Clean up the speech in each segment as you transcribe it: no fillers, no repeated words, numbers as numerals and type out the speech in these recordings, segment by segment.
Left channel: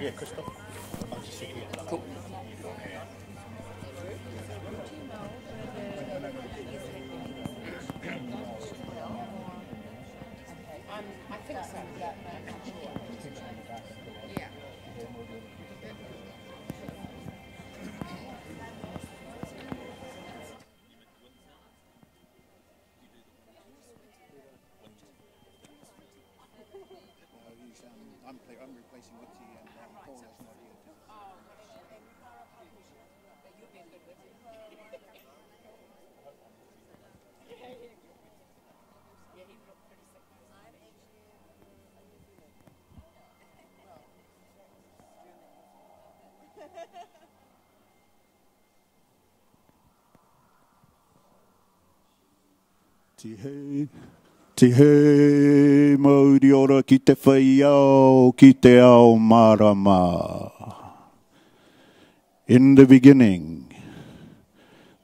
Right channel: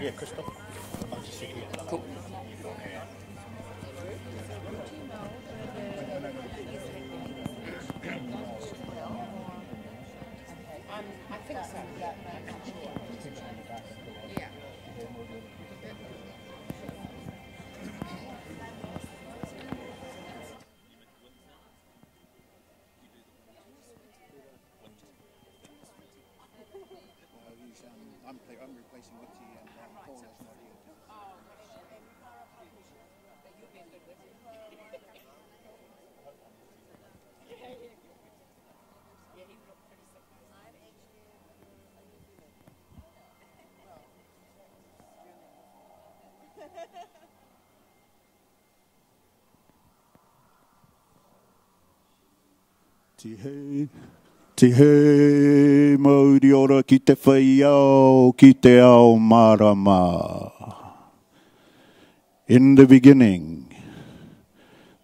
Cool. I'm replacing Witi and Paula. Tihe mauri ora ki te whaiao, ki te ao marama. In the beginning,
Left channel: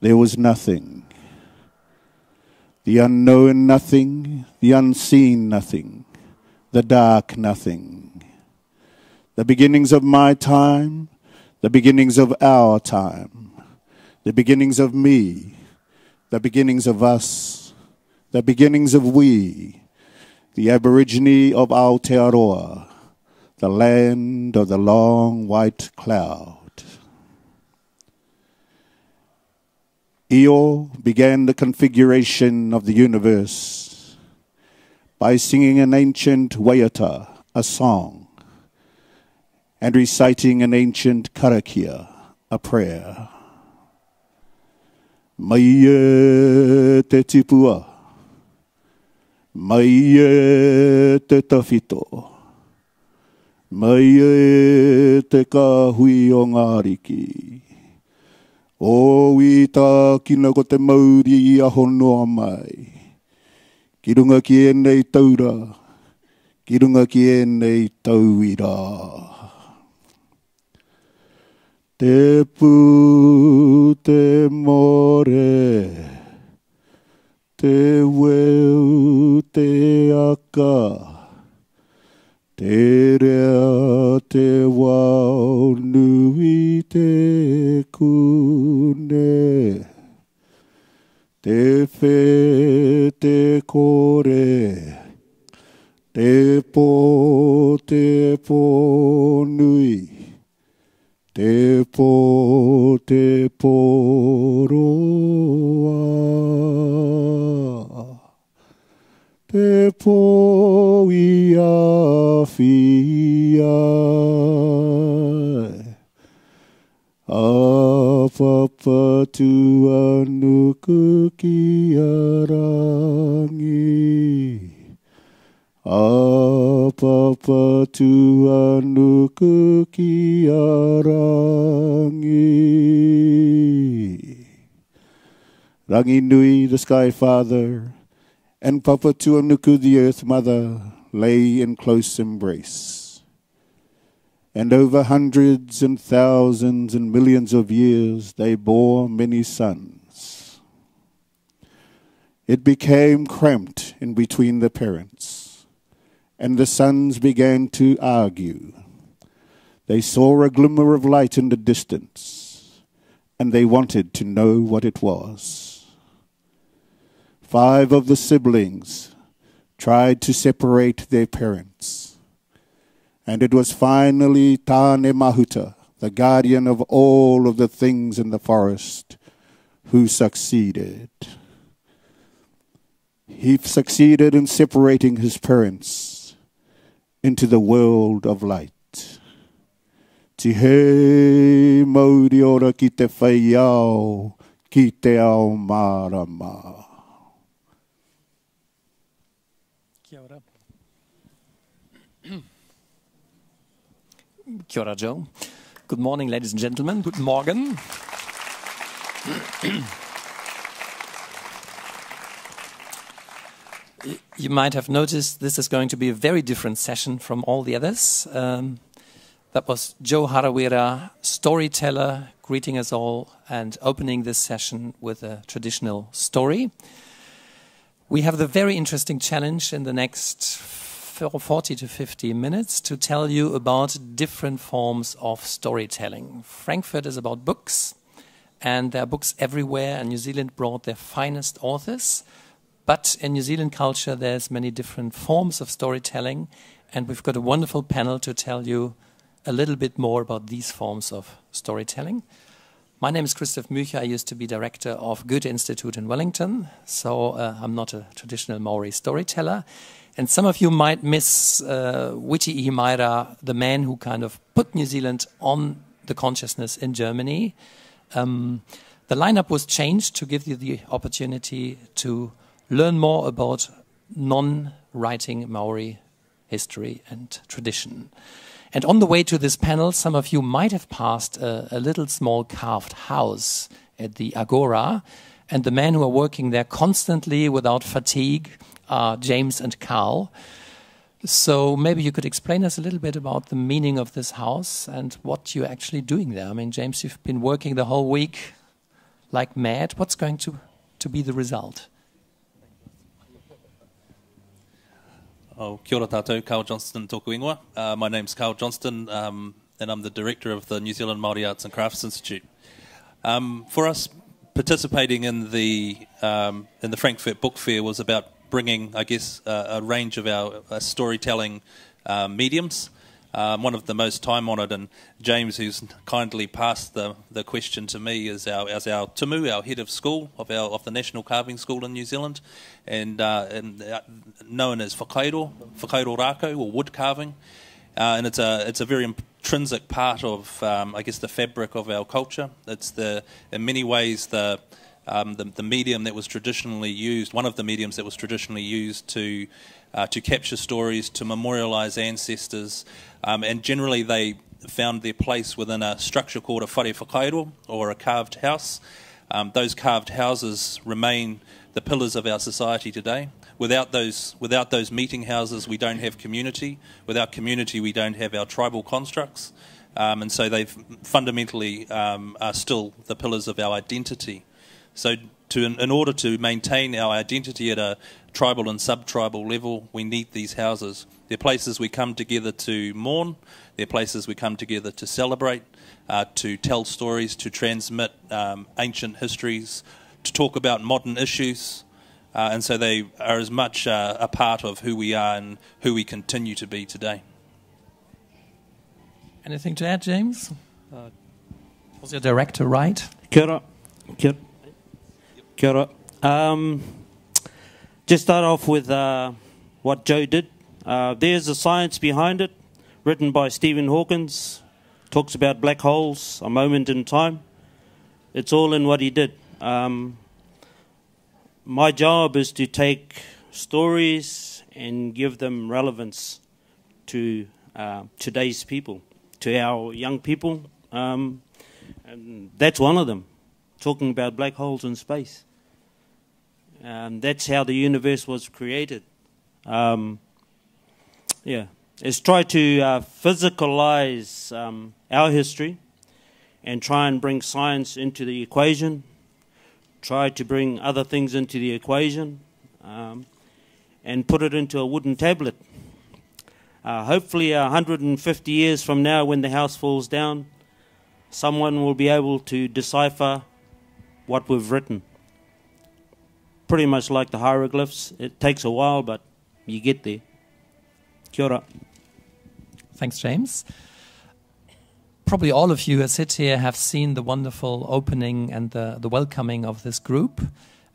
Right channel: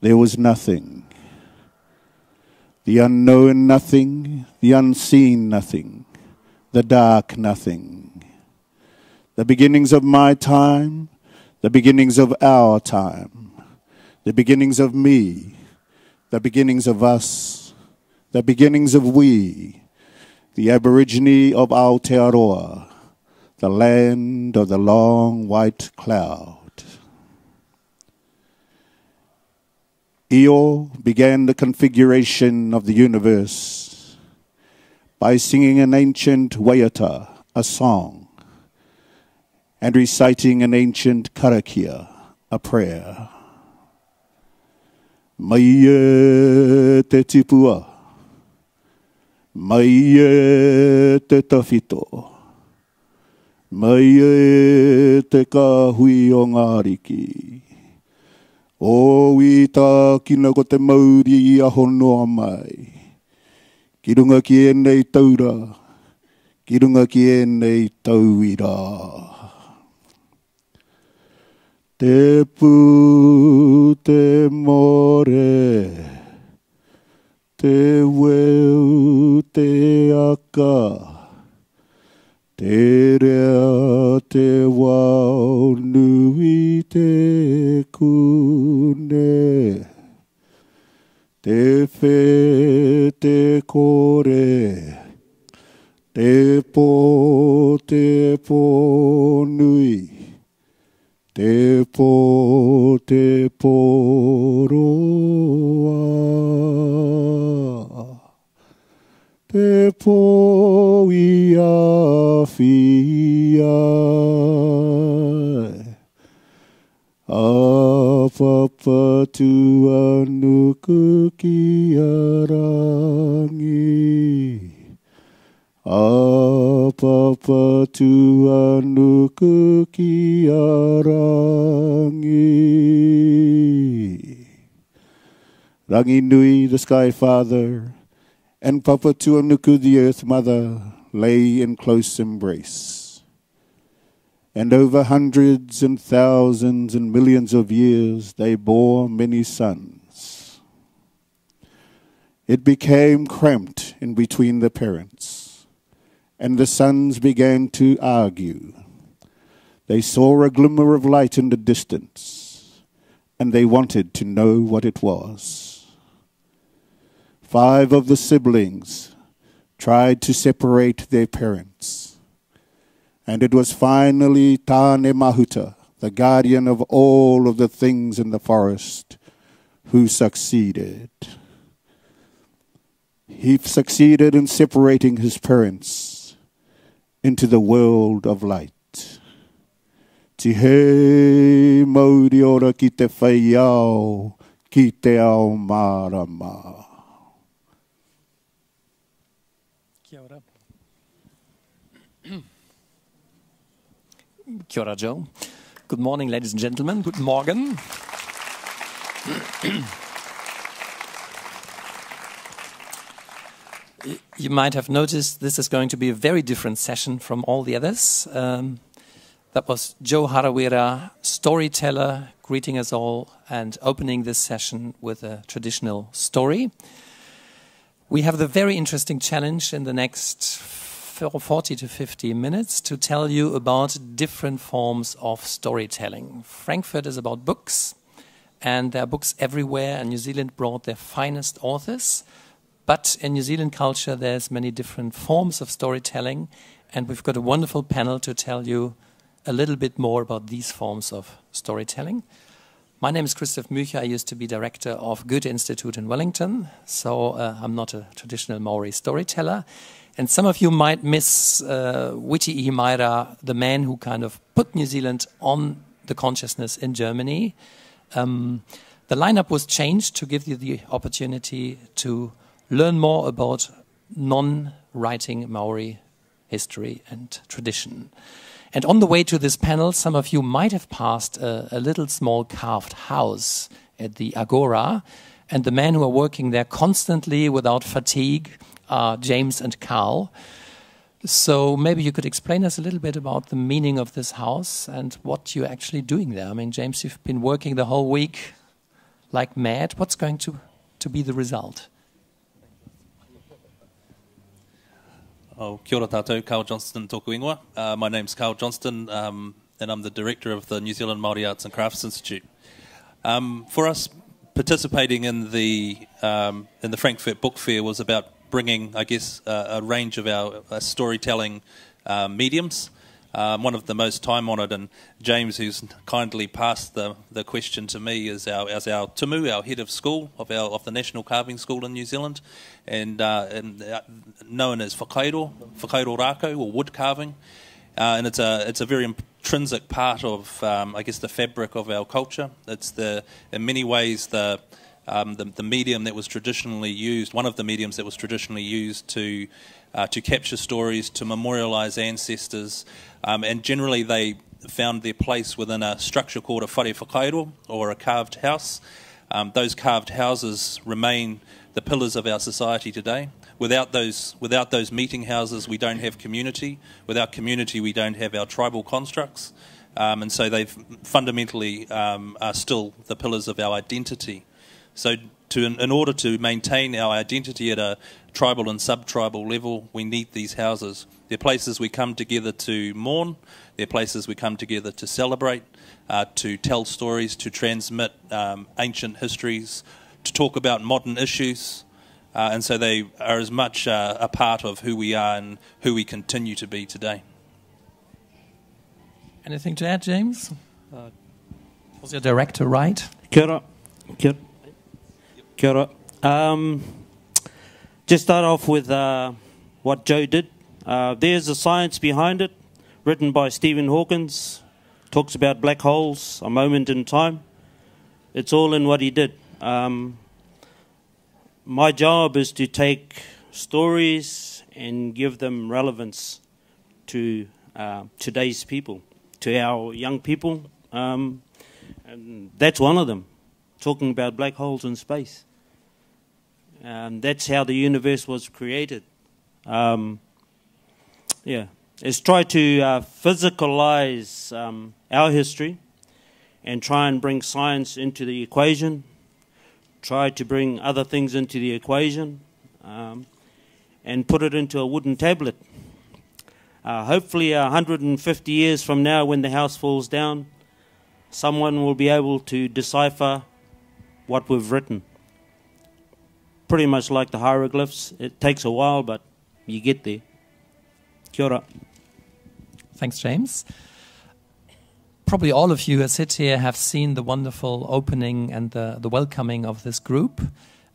there was nothing. The unknown nothing, the unseen nothing, the dark nothing. The beginnings of my time, the beginnings of our time, the beginnings of me, the beginnings of us, the beginnings of we, the Aborigine of Aotearoa, the land of the long white cloud. Io began the configuration of the universe by singing an ancient waiata, a song, and reciting an ancient karakia, a prayer. Mai e te tipua, mai e te tawhito, mai e te kahui o ngā riki. O wita kina ko te mauri a honoa mai. Ki runga ki e nei taura, ki runga ki e nei tauira. Te pū, te more, te weu, te aka, te rea, te wau, nui te kune, te whe, te kore, te pō nui, te pō roa, te pō i a whiai, a papa tu anuku ki a rangi, a papa tu anuku ki a rangi. Rangi nui, the sky father, and papa tu anuku, the earth mother, lay in close embrace. And over hundreds and thousands and millions of years they bore many sons. It became cramped in between the parents, and the sons began to argue. They saw a glimmer of light in the distance, and they wanted to know what it was. 5 of the siblings tried to separate their parents, and it was finally Tāne Mahuta, the guardian of all of the things in the forest, who succeeded. He succeeded in separating his parents into the world of light. Tihe mauri ora ki te whaiao, ki te ao marama. Kia ora. Kia ora, Joe. Good morning, ladies and gentlemen. Good morgen. You might have noticed this is going to be a very different session from all the others. That was Joe Harawira, storyteller, greeting us all and opening this session with a traditional story. We have the very interesting challenge in the next 40 to 50 minutes to tell you about different forms of storytelling. Frankfurt is about books, and there are books everywhere, and New Zealand brought their finest authors. But in New Zealand culture, there's many different forms of storytelling, and we've got a wonderful panel to tell you a little bit more about these forms of storytelling. My name is Christoph Mücher. I used to be director of Goethe Institute in Wellington, so I'm not a traditional Maori storyteller. And some of you might miss Witi Ihimaera, the man who kind of put New Zealand on the consciousness in Germany. The lineup was changed to give you the opportunity to learn more about non-writing Maori history and tradition. And on the way to this panel, some of you might have passed a little small carved house at the Agora, and the men who are working there constantly without fatigue are James and Karl. So maybe you could explain us a little bit about the meaning of this house and what you're actually doing there. I mean, James, you've been working the whole week like mad. What's going to be the result? Oh, kia ora tātou, Karl Johnston tōku ingoa. My name's Karl Johnston, and I'm the director of the New Zealand Māori Arts and Crafts Institute. For us, participating in the Frankfurt Book Fair was about bringing, I guess, a range of our storytelling mediums. One of the most time-honoured, and James, who's kindly passed the question to me, is our tumu, our head of school of the National Carving School in New Zealand, and known as whakairo rako, or wood carving, and it's a very intrinsic part of I guess the fabric of our culture. It's in many ways the medium that was traditionally used, one of the mediums that was traditionally used to capture stories, to memorialise ancestors, and generally they found their place within a structure called a whare whakairo, or a carved house. Those carved houses remain the pillars of our society today. Without those meeting houses, we don't have community. Without community, we don't have our tribal constructs. And so they fundamentally are still the pillars of our identity. So in order to maintain our identity at a tribal and sub-tribal level, we need these houses. They're places we come together to mourn. They're places we come together to celebrate, to tell stories, to transmit ancient histories, to talk about modern issues. And so they are as much a part of who we are and who we continue to be today. Anything to add, James? Was your director right? Kia ora. Kia ora. Just start off with what Joe did. There's a science behind it, written by Stephen Hawkins. Talks about black holes, a moment in time. It's all in what he did. My job is to take stories and give them relevance to today's people, to our young people. And that's one of them, talking about black holes in space. That's how the universe was created. It's try to physicalize our history and try and bring science into the equation, try to bring other things into the equation, and put it into a wooden tablet. Hopefully 150 years from now, when the house falls down, someone will be able to decipher what we've written. Pretty much like the hieroglyphs. It takes a while, but you get there. Kia ora. Thanks, James. Probably all of you who sit here have seen the wonderful opening and the welcoming of this group.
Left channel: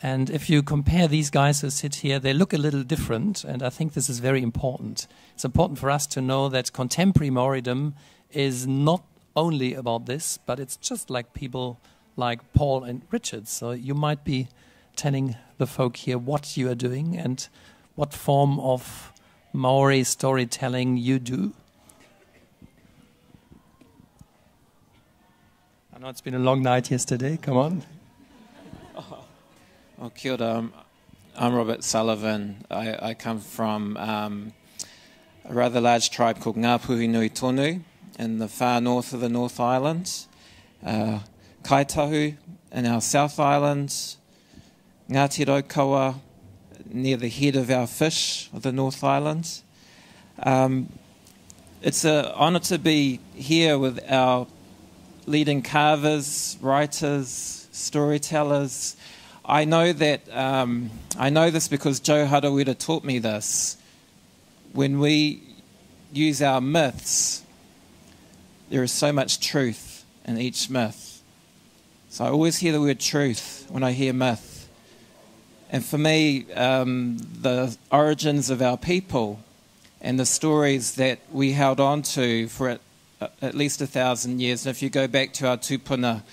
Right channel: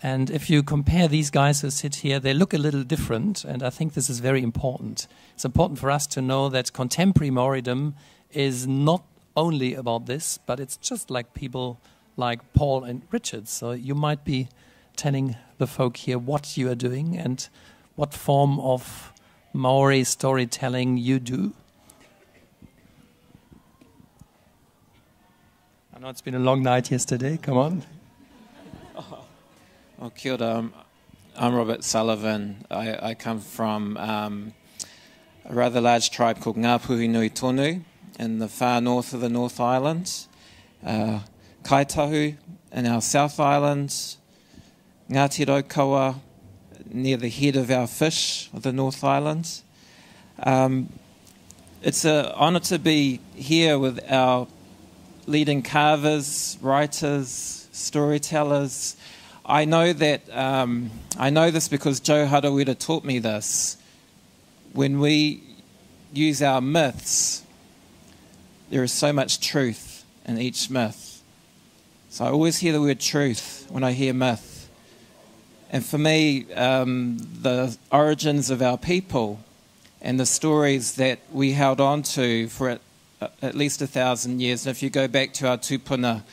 And if you compare these guys who sit here, they look a little different, and I think this is very important. It's important for us to know that contemporary Maoridom is not only about this, but it's just like people like Paul and Richard. So you might be telling the folk here what you are doing and what form of Maori storytelling you do. I know it's been a long night yesterday. Come on. Oh, kia ora. I'm Robert Sullivan. I come from a rather large tribe called Ngāpuhi Nui Tonu in the far north of the North Island, Kaitahu in our South Island, Ngāti Raukawa near the head of our fish of the North Island, It's an honour to be here with our leading carvers, writers, storytellers. I know that I know this because Joe Harawira taught me this. When we use our myths, there is so much truth in each myth. So I always hear the word truth when I hear myth. And for me, the origins of our people and the stories that we held on to for at least 1,000 years, and if you go back to our tupuna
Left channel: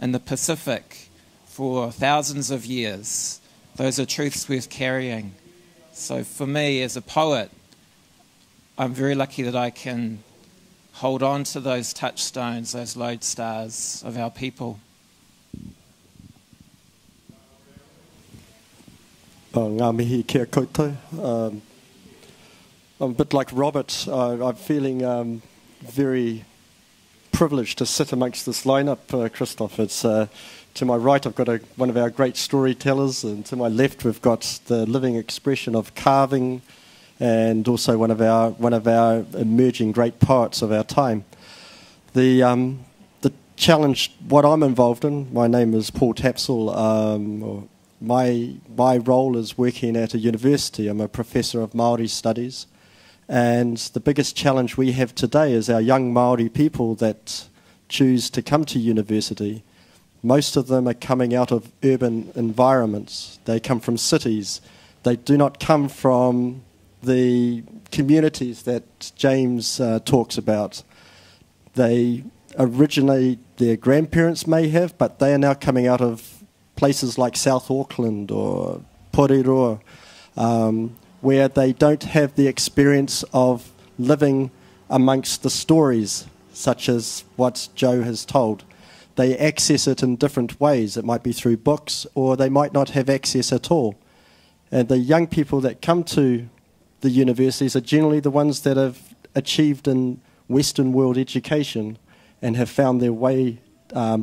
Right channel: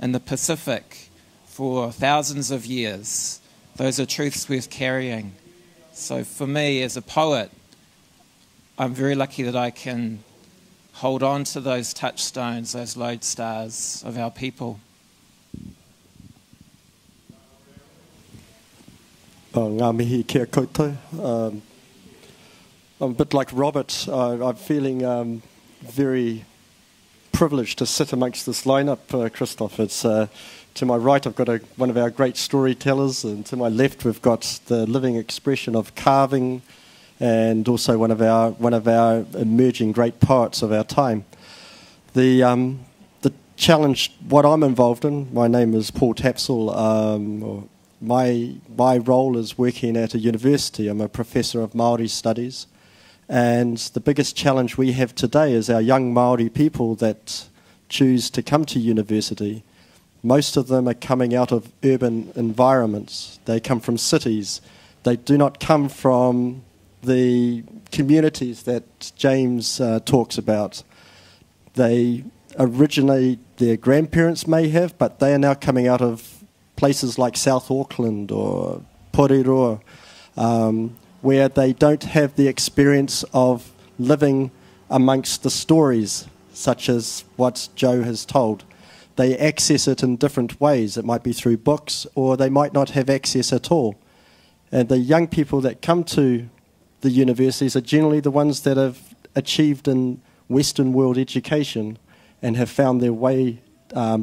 in the Pacific for thousands of years, those are truths worth carrying. So for me, as a poet, I'm very lucky that I can hold on to those touchstones, those lodestars of our people. Ngā mihi kia koutou. I'm a bit like Robert. I'm feeling very privileged to sit amongst this lineup, Christoph. It's to my right, I've got one of our great storytellers, and to my left, we've got the living expression of carving, and also one of our emerging great poets of our time. The challenge, what I'm involved in, my name is Paul Tapsell. My role is working at a university. I'm a professor of Māori studies, and the biggest challenge we have today is our young Māori people that choose to come to university. Most of them are coming out of urban environments. They come from cities. They do not come from the communities that James talks about. They originally, their grandparents may have, but they are now coming out of places like South Auckland or Porirua, where they don't have the experience of living amongst the stories, such as what Joe has told. They access it in different ways. It might be through books, or they might not have access at all. And the young people that come to the universities are generally the ones that have achieved in Western world education and have found their way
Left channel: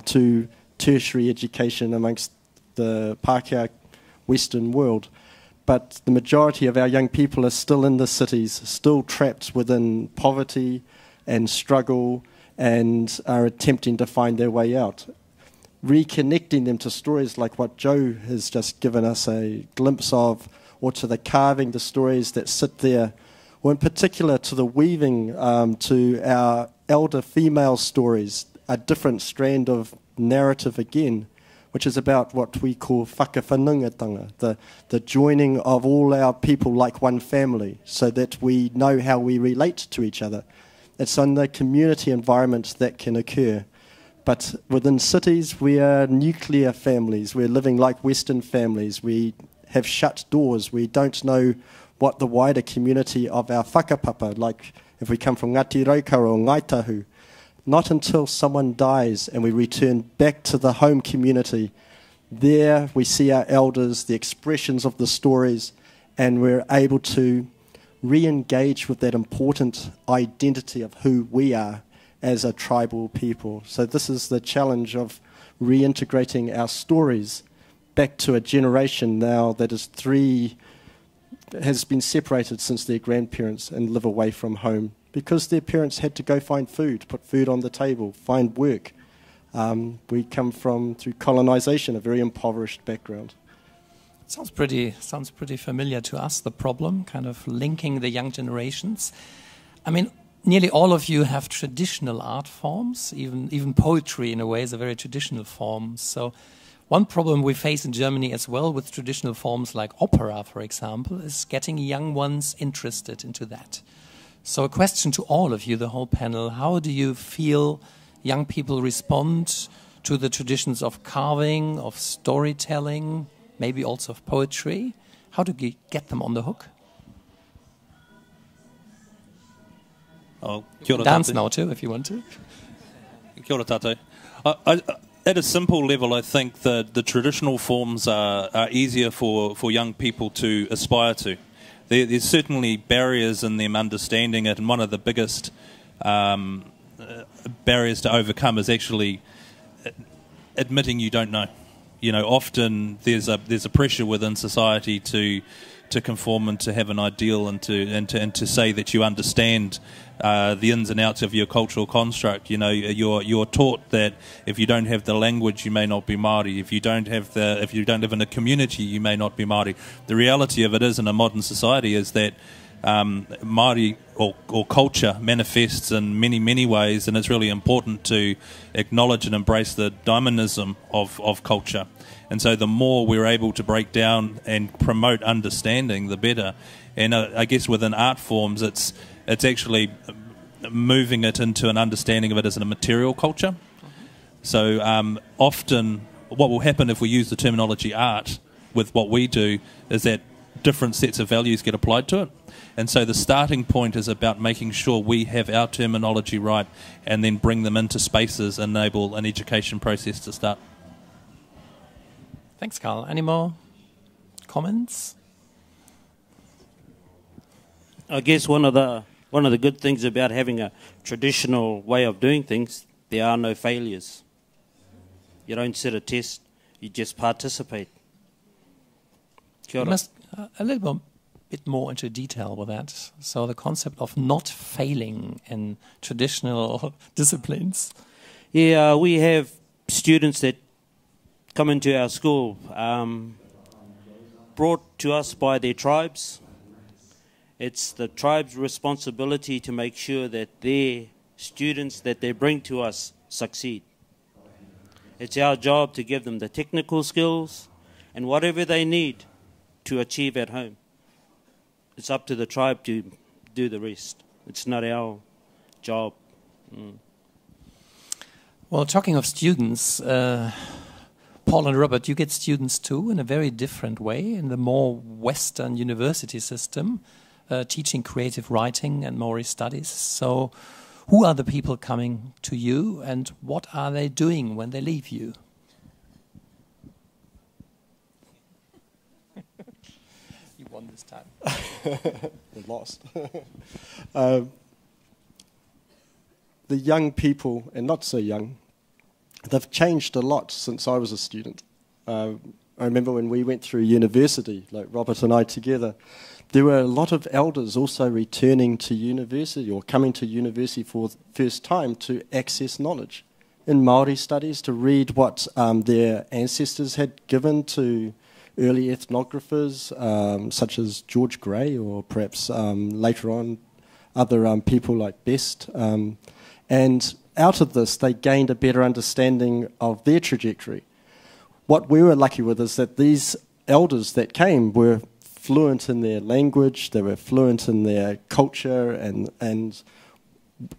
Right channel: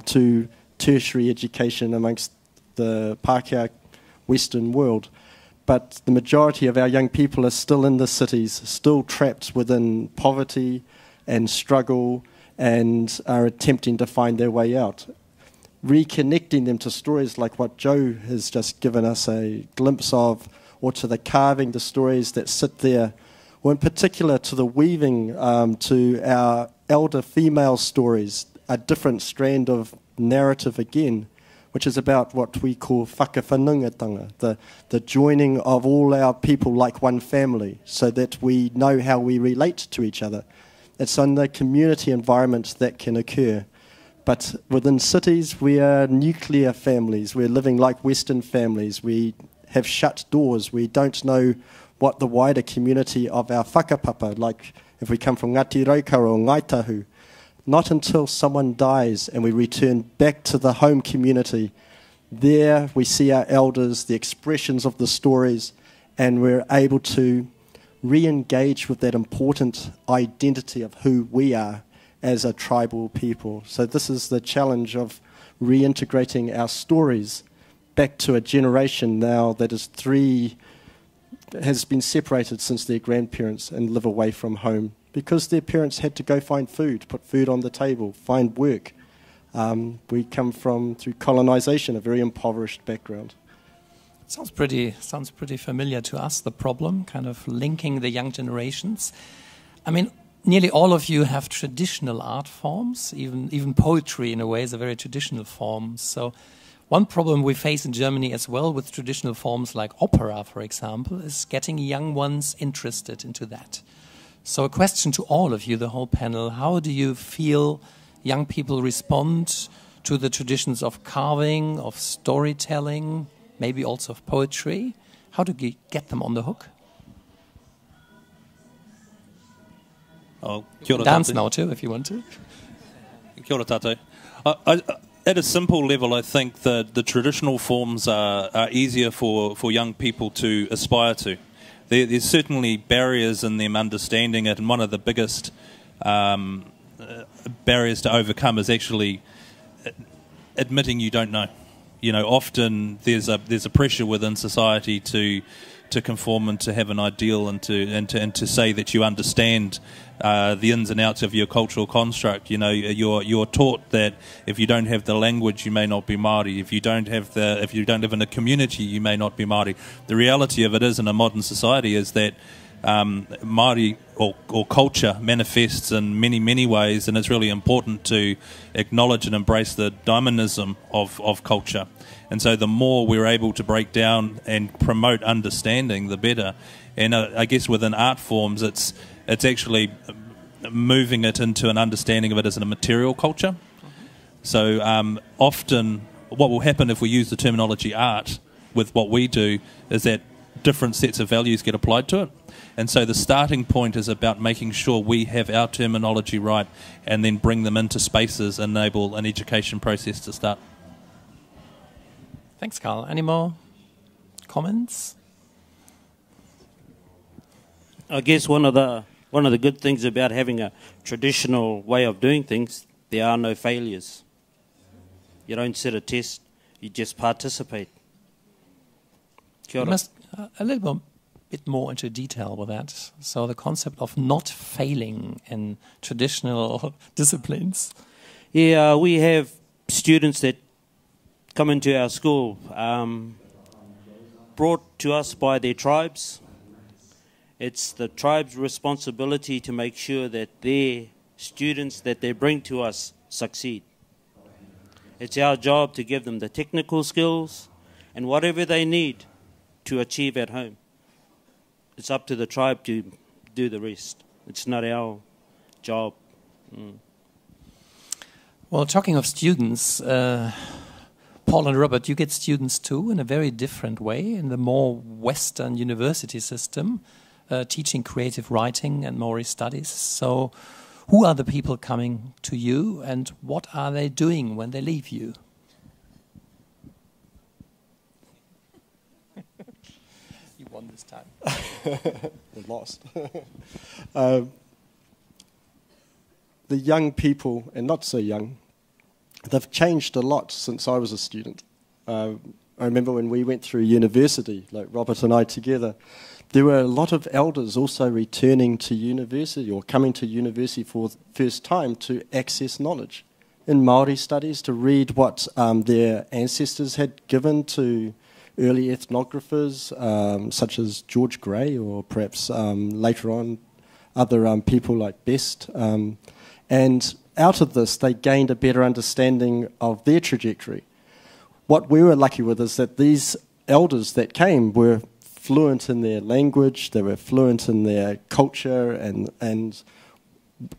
to tertiary education amongst the Pākehā Western world. But the majority of our young people are still in the cities, still trapped within poverty and struggle, and are attempting to find their way out. Reconnecting them to stories like what Joe has just given us a glimpse of, or to the carving, the stories that sit there, or in particular to the weaving, to our elder female stories, a different strand of narrative again, which is about what we call whakawhanungatanga, the joining of all our people like one family, so that we know how we relate to each other. It's in the community environment that can occur. But within cities, we are nuclear families. We're living like Western families. We have shut doors. We don't know what the wider community of our whakapapa, like if we come from Ngati Raukara or Ngaitahu, not until someone dies and we return back to the home community. There we see our elders, the expressions of the stories, and we're able to re-engage with that important identity of who we are as a tribal people. So this is the challenge of reintegrating our stories back to a generation now that has been separated since their grandparents and live away from home, because their parents had to go find food, put food on the table, find work. We come from, through colonization, a very impoverished background. Sounds pretty familiar to us, the problem, kind of linking the young generations. I mean, nearly all of you have traditional art forms, even poetry in a way is a very traditional form. So one problem we face in Germany as well with traditional forms like opera, for example, is getting young ones interested into that. So a question to all of you, the whole panel: how do you feel young people respond to the traditions of carving, of storytelling, maybe also of poetry? How do you get them on the hook? Dance now too, if you want to. Kia ora tātou. At a simple level, I think that the traditional forms are easier for young people to aspire to. There's certainly barriers in them understanding it, and one of the biggest barriers to overcome is actually admitting you don't know. You know, often there's a pressure within society to to conform and to have an ideal and to say that you understand the ins and outs of your cultural construct. You know, you're taught that if you don't have the language, you may not be Māori. If you don't live in a community, you may not be Māori. The reality of it is, in a modern society, is that Māori or culture manifests in many ways, and it's really important to acknowledge and embrace the dynamism of culture. And so the more we're able to break down and promote understanding, the better. And I guess within art forms, it's actually moving it into an understanding of it as a material culture. So often what will happen if we use the terminology art with what we do is that different sets of values get applied to it. And so the starting point is about making sure we have our terminology right and then bring them into spaces, enable an education process to start. Thanks, Karl. Any more comments? I guess one of the good things about having a traditional way of doing things, there are no failures. You don't set a test, you just participate. Kia ora. You must a little bit more into detail with that. So the concept of not failing in traditional disciplines. Yeah, we have students that come into our school, brought to us by their tribes. It's the tribe's responsibility to make sure that their students that they bring to us succeed. It's our job to give them the technical skills and whatever they need to achieve at home. It's up to the tribe to do the rest. It's not our job. Well, talking of students, Paul and Robert, you get students too in a very different way in the more Western university system, teaching creative writing and Maori studies. So who are the people coming to you and what are they doing when they leave you? You won this time. We lost. The young people, and not so young, they've changed a lot since I was a student. I remember when we went through university, like Robert and I together, there were a lot of elders also returning to university or coming to university for the first time to access knowledge in Māori studies, to read what their ancestors had given to early ethnographers such as George Gray or perhaps later on other people like Best. And out of this, they gained a better understanding of their trajectory. What we were lucky with is that these elders that came were fluent in their language, they were fluent in their culture, and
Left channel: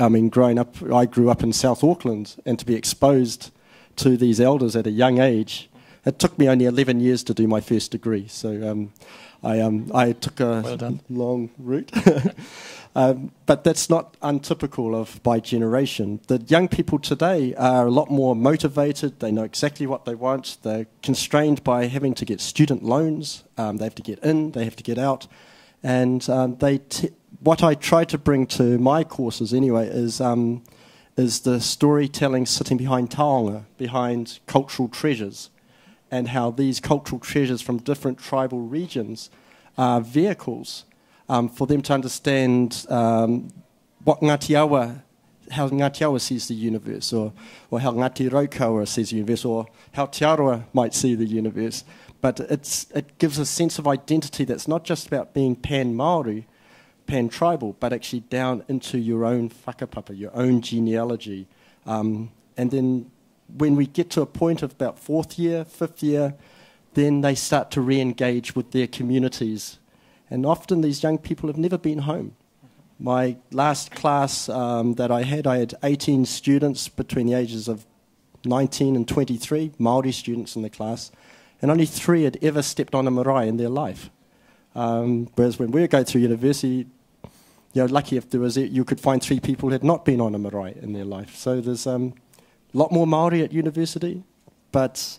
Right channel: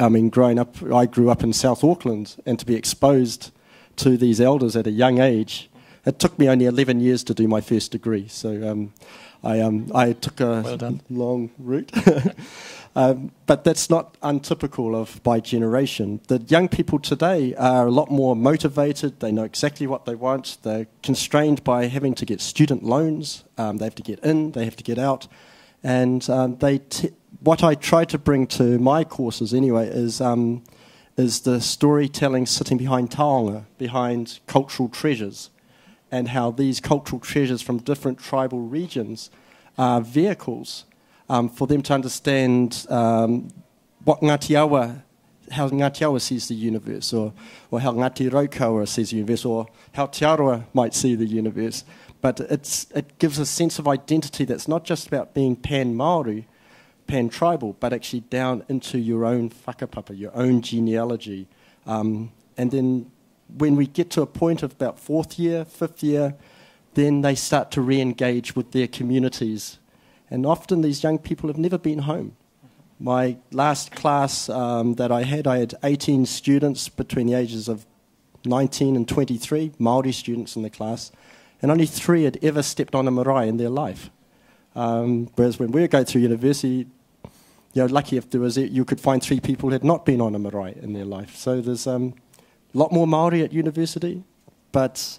I mean, growing up, I grew up in South Auckland, and to be exposed to these elders at a young age, it took me only 11 years to do my first degree, so I took a long route. But that's not untypical of my generation. The young people today are a lot more motivated. They know exactly what they want. They're constrained by having to get student loans. They have to get in, they have to get out. And what I try to bring to my courses anyway is the storytelling sitting behind taonga, behind cultural treasures, and how these cultural treasures from different tribal regions are vehicles for them to understand what Ngāti Awa, how Ngāti Awa sees the universe, or how Ngāti Raukawa sees the universe, or how Te Aroa might see the universe. But it gives a sense of identity that's not just about being pan-Māori, pan-tribal, but actually down into your own whakapapa, your own genealogy. And then when we get to a point of about 4th year, 5th year, then they start to re-engage with their communities. And often these young people have never been home. My last class that I had 18 students between the ages of 19 and 23, Māori students in the class, and only 3 had ever stepped on a marae in their life. Whereas when we were going through university, you're lucky if there was you could find 3 people who had not been on a marae in their life. So there's a lot more Māori at university, but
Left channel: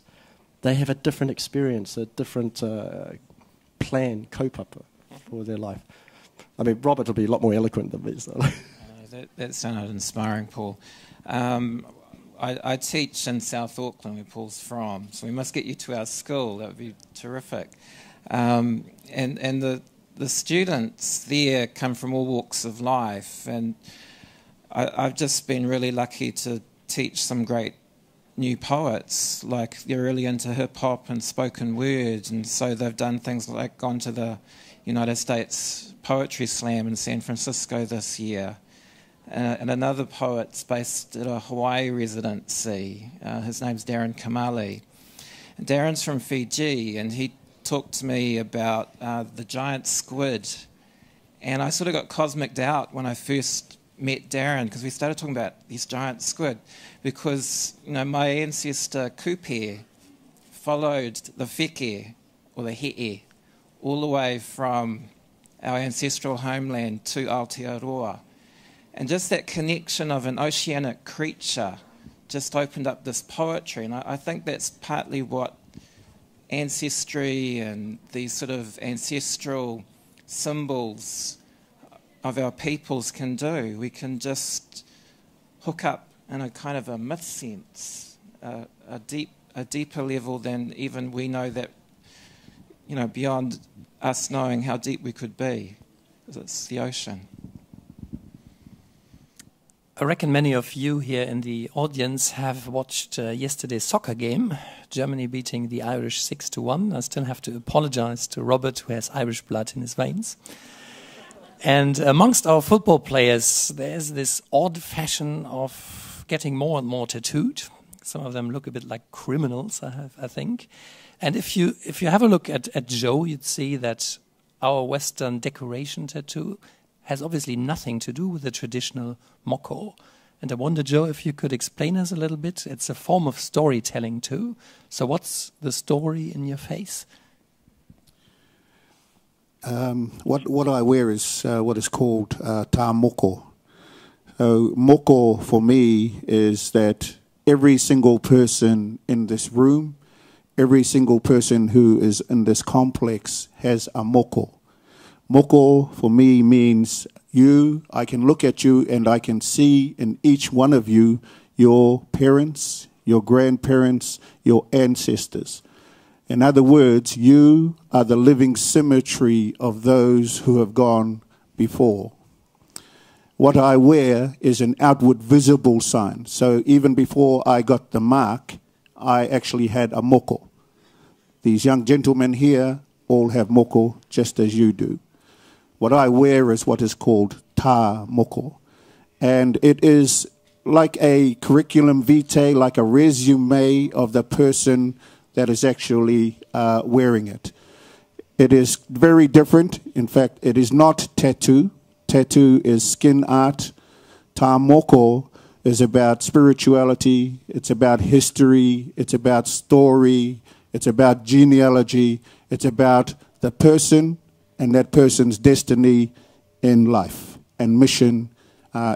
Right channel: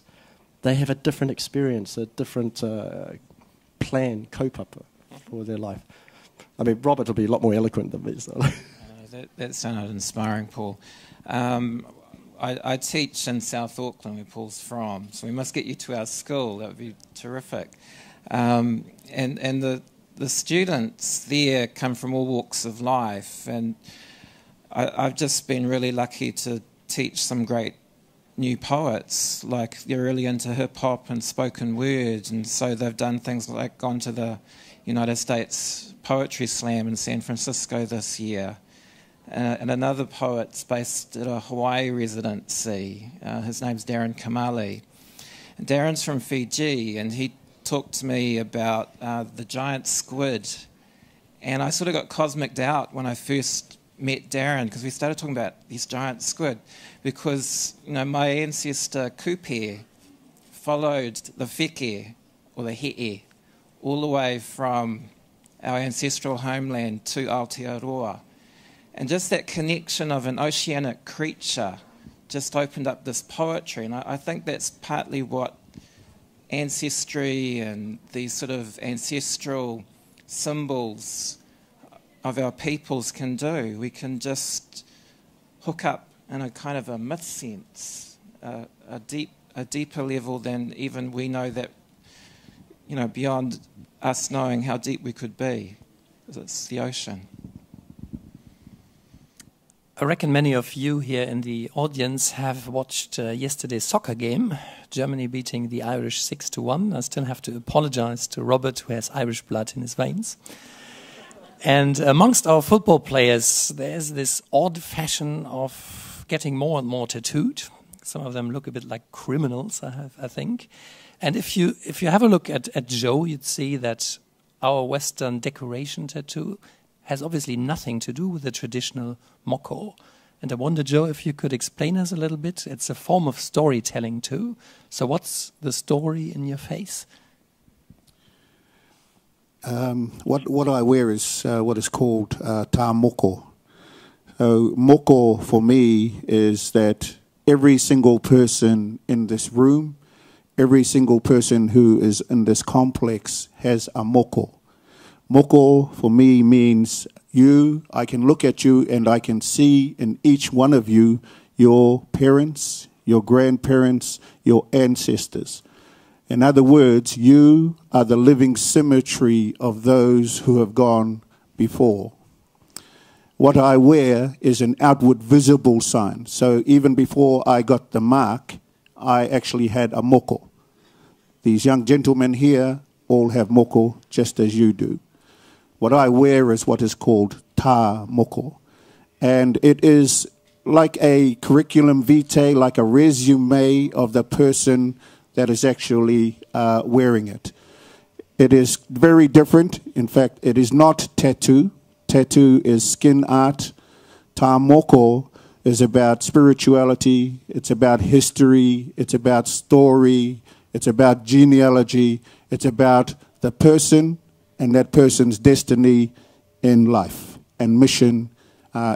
they have a different experience, a different plan, kaupapa for their life. I mean, Robert will be a lot more eloquent than me. So. That sounded inspiring, Paul. I teach in South Auckland, where Paul's from, so we must get you to our school. That would be terrific. and the students there come from all walks of life, and I've just been really lucky to teach some great new poets. Like, they're really into hip hop and spoken word, and so they've done things like gone to the United States Poetry Slam in San Francisco this year. And another poet's based at a Hawaii residency. His name's Darren Kamali. Darren's from Fiji, and he talked to me about the giant squid. And I sort of got cosmicked out when I first met Darren, because we started talking about these giant squid, because, you know, my ancestor Kupe followed the wheke, or the he'e, all the way from our ancestral homeland to Aotearoa. And just that connection of an oceanic creature just opened up this poetry. And I think that's partly what ancestry and these sort of ancestral symbols of our peoples can do. We can just hook up in a kind of a myth sense, a deeper level than even we know that, you know, beyond us knowing how deep we could be, because it's the ocean. I reckon many of you here in the audience have watched yesterday's soccer game, Germany beating the Irish 6-1. I still have to apologize to Robert, who has Irish blood in his veins. And amongst our football players, there's this odd fashion of getting more and more tattooed. Some of them look a bit like criminals, I think. And if you have a look at Joe, you'd see that our Western decoration tattoo has obviously nothing to do with the traditional moko. And I wonder, Joe, if you could explain us a little bit. It's a form of storytelling too. So what's the story in your face? What I wear is what is called tā moko. So moko for me is that every single person in this room, every single person who is in this complex has a moko. Moko for me means you, I can look at you and I can see in each one of you your parents, your grandparents, your ancestors. In other words, you are the living symmetry of those who have gone before. What I wear is an outward visible sign. So even before I got the mark, I actually had a moko. These young gentlemen here all have moko just as you do. What I wear is what is called tā moko. And it is like a curriculum vitae, like a resume of the person that is actually wearing it. It is very different. In fact, it is not tattoo. Tattoo is skin art. Tā moko is about spirituality. It's about history. It's about story. It's about genealogy. It's about the person and that person's destiny in life and mission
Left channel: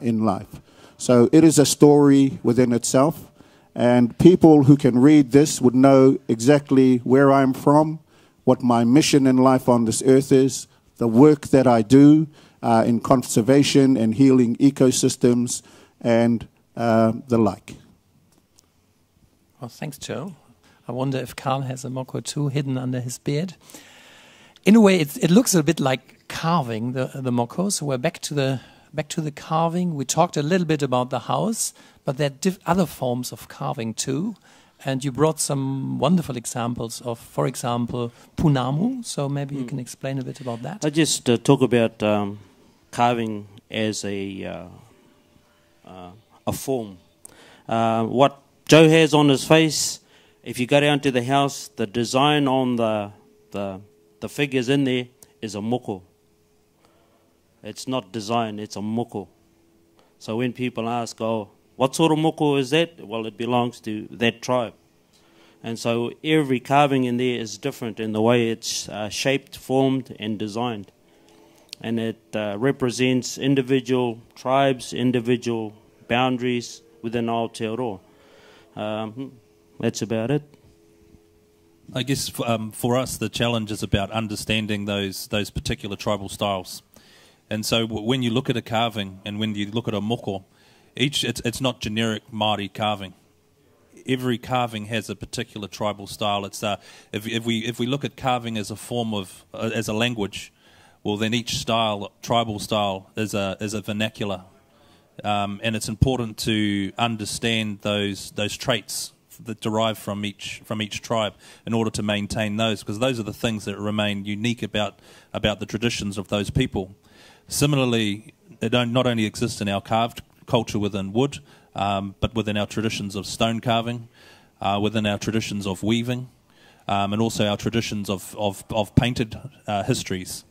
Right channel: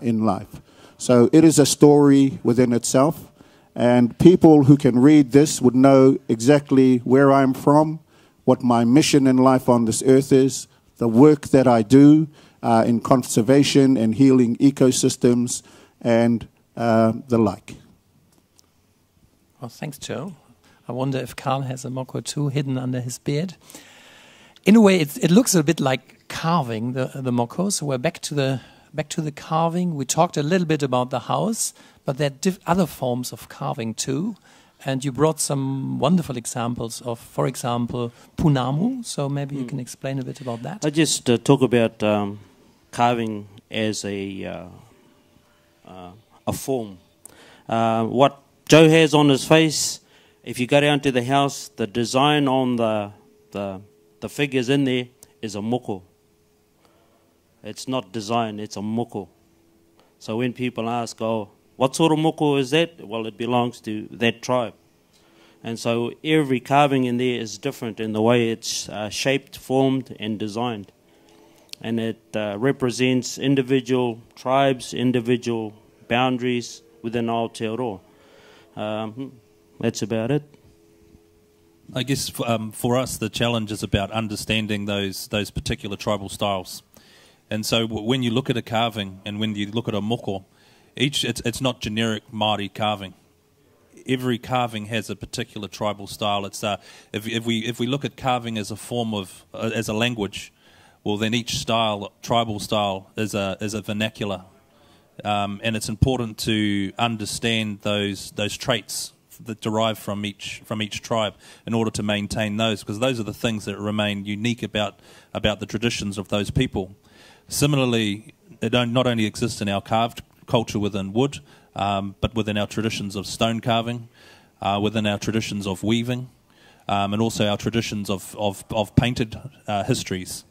in life. So it is a story within itself, and people who can read this would know exactly where I'm from, what my mission in life on this earth is, the work that I do in conservation and healing ecosystems, and the like. Well, thanks, Joe. I wonder if Karl has a moko too hidden under his beard. In a way, it looks a bit like carving, the moko. So we're back to the carving. We talked a little bit about the house, but there are other forms of carving too. And you brought some wonderful examples of, for example, punamu. So maybe you can explain a bit about that. I just talk about carving as a form. What Joe has on his face, if you go down to the house, the design on the figures in there is a moko. It's not design, it's a moko. So when people ask, oh, what sort of moko is that? Well, it belongs to that tribe. And so every carving in there is different in the way it's shaped, formed, and designed. And it represents individual tribes, individual boundaries within Aotearoa. That's about it. I guess for us, the challenge is about understanding those particular tribal styles. And so when you look at a carving and when you look at a moko, it's not generic Māori carving. every carving has a particular tribal style. It's if we look at carving as a form of as a language, well then each style, tribal style, is a vernacular, and it's important to understand those traits that derive from each tribe in order to maintain those, because those are the things that remain unique about the traditions of those people. Similarly, it not only exists in our carved culture within wood, but within our traditions of stone carving, within our traditions of weaving, and also our traditions of painted histories.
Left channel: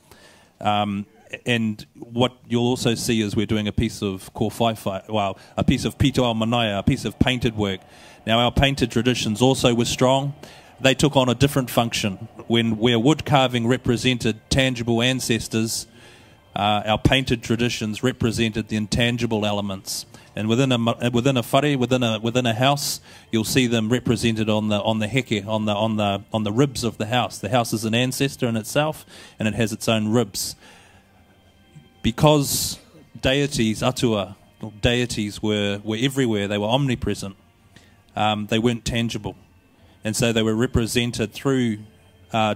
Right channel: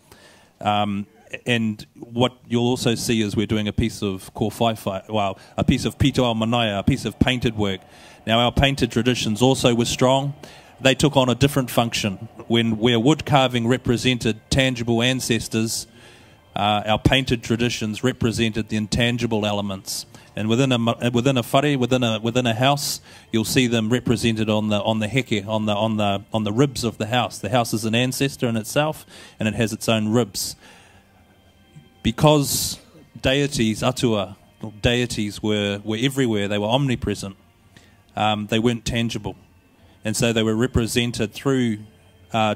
And what you'll also see is we're doing a piece of a piece of pitoa manaia, a piece of painted work. Now, our painted traditions also were strong. They took on a different function. Where wood carving represented tangible ancestors, our painted traditions represented the intangible elements. And within a whare, within a house, you'll see them represented on the heke, on the ribs of the house. The house is an ancestor in itself, and it has its own ribs. Because deities, atua, or deities were everywhere, they were omnipresent, they weren't tangible. And so they were represented through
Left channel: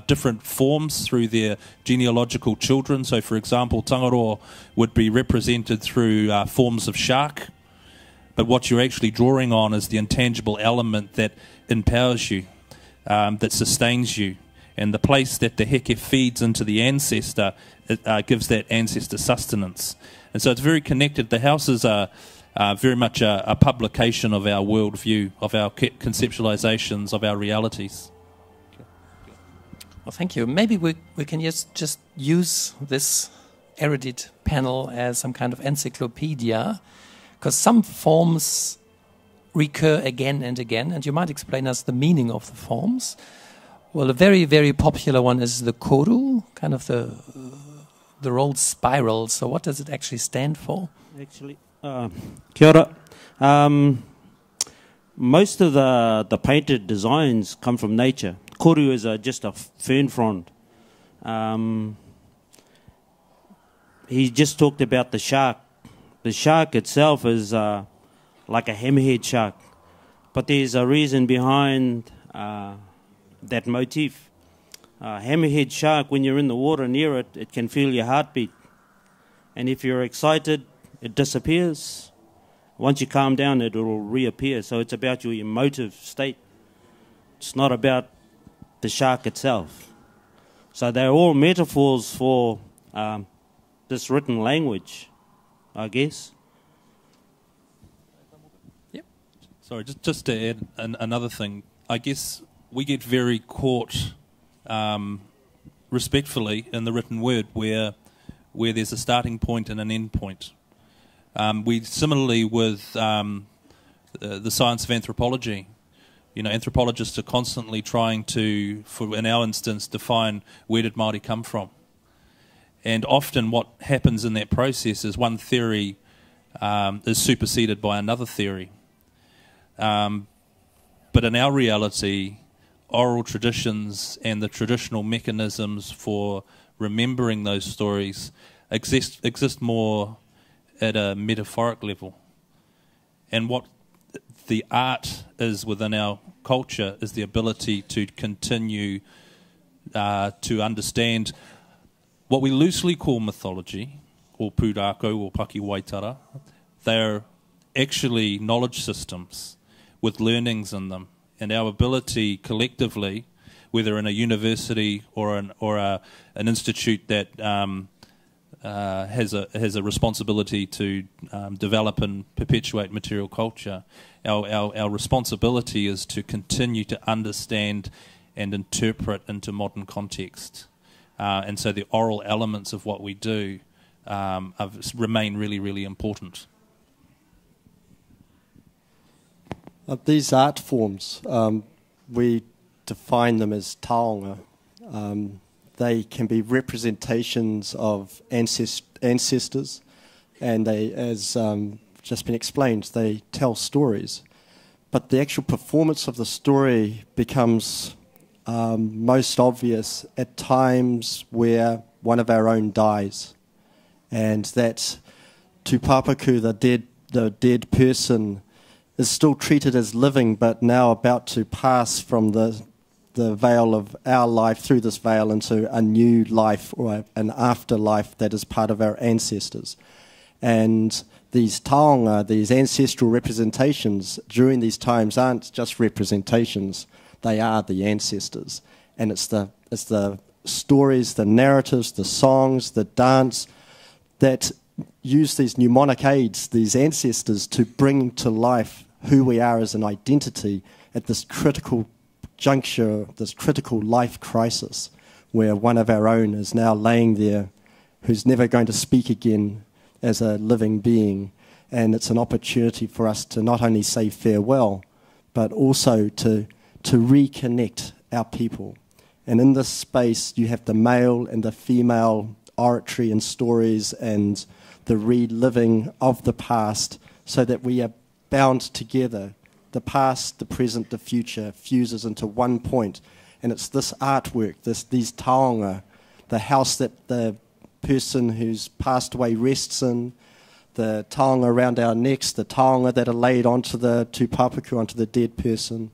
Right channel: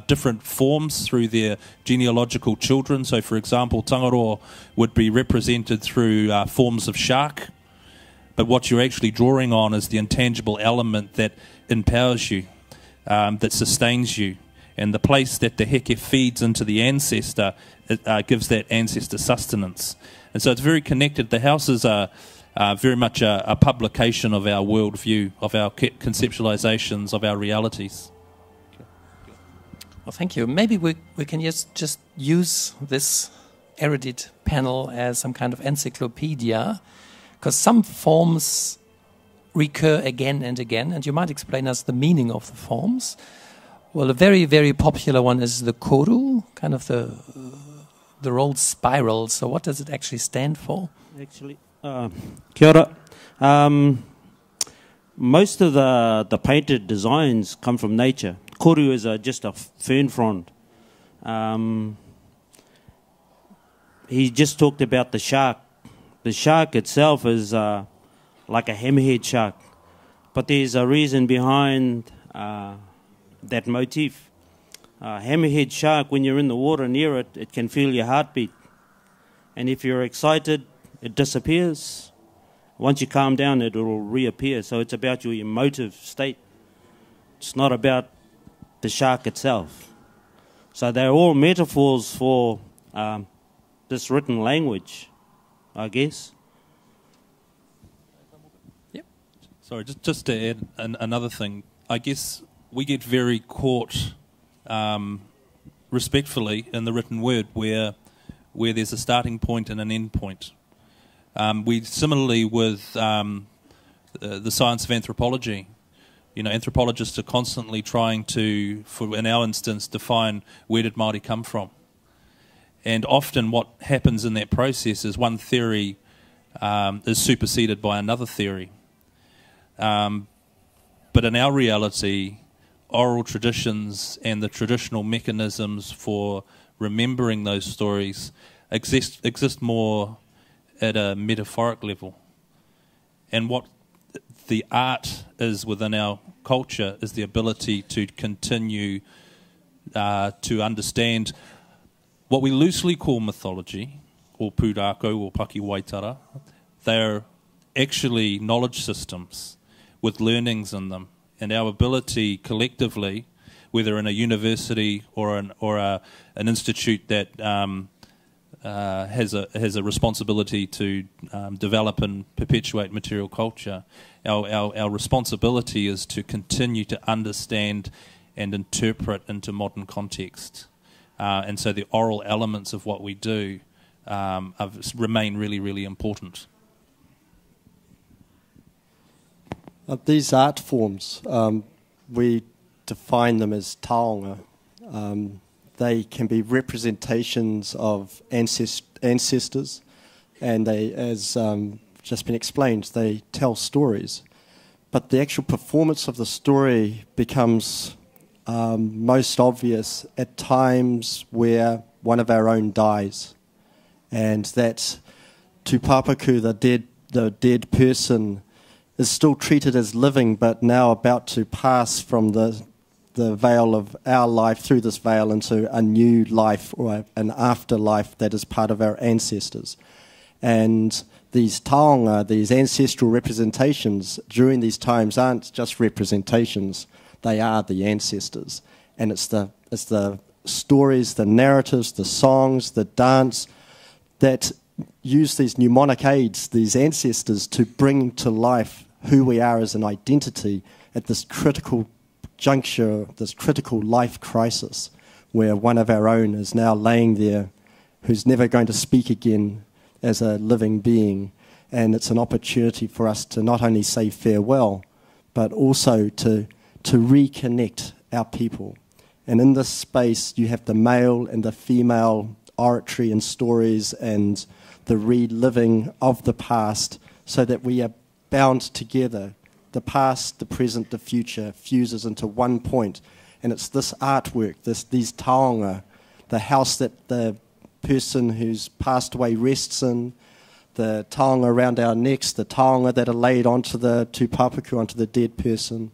different forms, through their genealogical children. So, for example, Tangaroa would be represented through forms of shark. But what you're actually drawing on is the intangible element that empowers you, that sustains you. And the place that the heke feeds into the ancestor, it gives that ancestor sustenance. And so it's very connected. The houses are very much a publication of our worldview, of our conceptualizations, of our realities. Well, thank you. Maybe we can just use this erudite panel as some kind of encyclopedia, because some forms recur again and again, and you might explain us the meaning of the forms. Well, a very, very popular one is the koru, kind of the rolled spiral. So what does it actually stand for? Actually, kia ora. Most of the painted designs come from nature. Koru is just a fern frond. He just talked about the shark. The shark itself is like a hammerhead shark. But there's a reason behind that motif. Hammerhead shark, when you're in the water near it, it can feel your heartbeat. And if you're excited, it disappears. Once you calm down, it will reappear. So it's about your emotive state. It's not about the shark itself. So they're all metaphors for this written language, I guess. Yep. Sorry, just to add another thing. I guess we get very caught respectfully in the written word where there's a starting point and an end point. We similarly with the science of anthropology. You know, anthropologists are constantly trying to, in our instance, define where did Māori come from. And often what happens in that process is one theory is superseded by another theory. But in our reality, oral traditions and the traditional mechanisms for remembering those stories exist more at a metaphoric level. And what the art is within our culture is the ability to continue to understand what we loosely call mythology, or pūrākau, or Paki Waitara. They're actually knowledge systems with learnings in them. And our ability collectively, whether in a university or an institute that has a responsibility to develop and perpetuate material culture, our responsibility is to continue to understand and interpret into modern context. And so the oral elements of what we do remain really, really important. These art forms, we define them as taonga. They can be representations of ancestors, and they, as just been explained, they tell stories. But the actual performance of the story becomes most obvious at times where one of our own dies, and that tūpapaku, the dead person, is still treated as living, but now about to pass from the veil of our life through this veil into a new life or an afterlife that is part of our ancestors. And these taonga, these ancestral representations during these times aren't just representations, they are the ancestors. And it's the stories, the narratives, the songs, the dance that use these mnemonic aids, these ancestors, to bring to life who we are as an identity at this critical juncture, this critical life crisis, where one of our own is now laying there, who's never going to speak again as a living being. And it's an opportunity for us to not only say farewell, but also to reconnect our people. And in this space, you have the male and the female oratory and stories and the reliving of the past, so that we are bound together. The past, the present, the future fuses into one point. And it's this artwork, these taonga, the house that the person who's passed away rests in, the taonga around our necks, the taonga that are laid onto the tūpapaku, onto the dead person,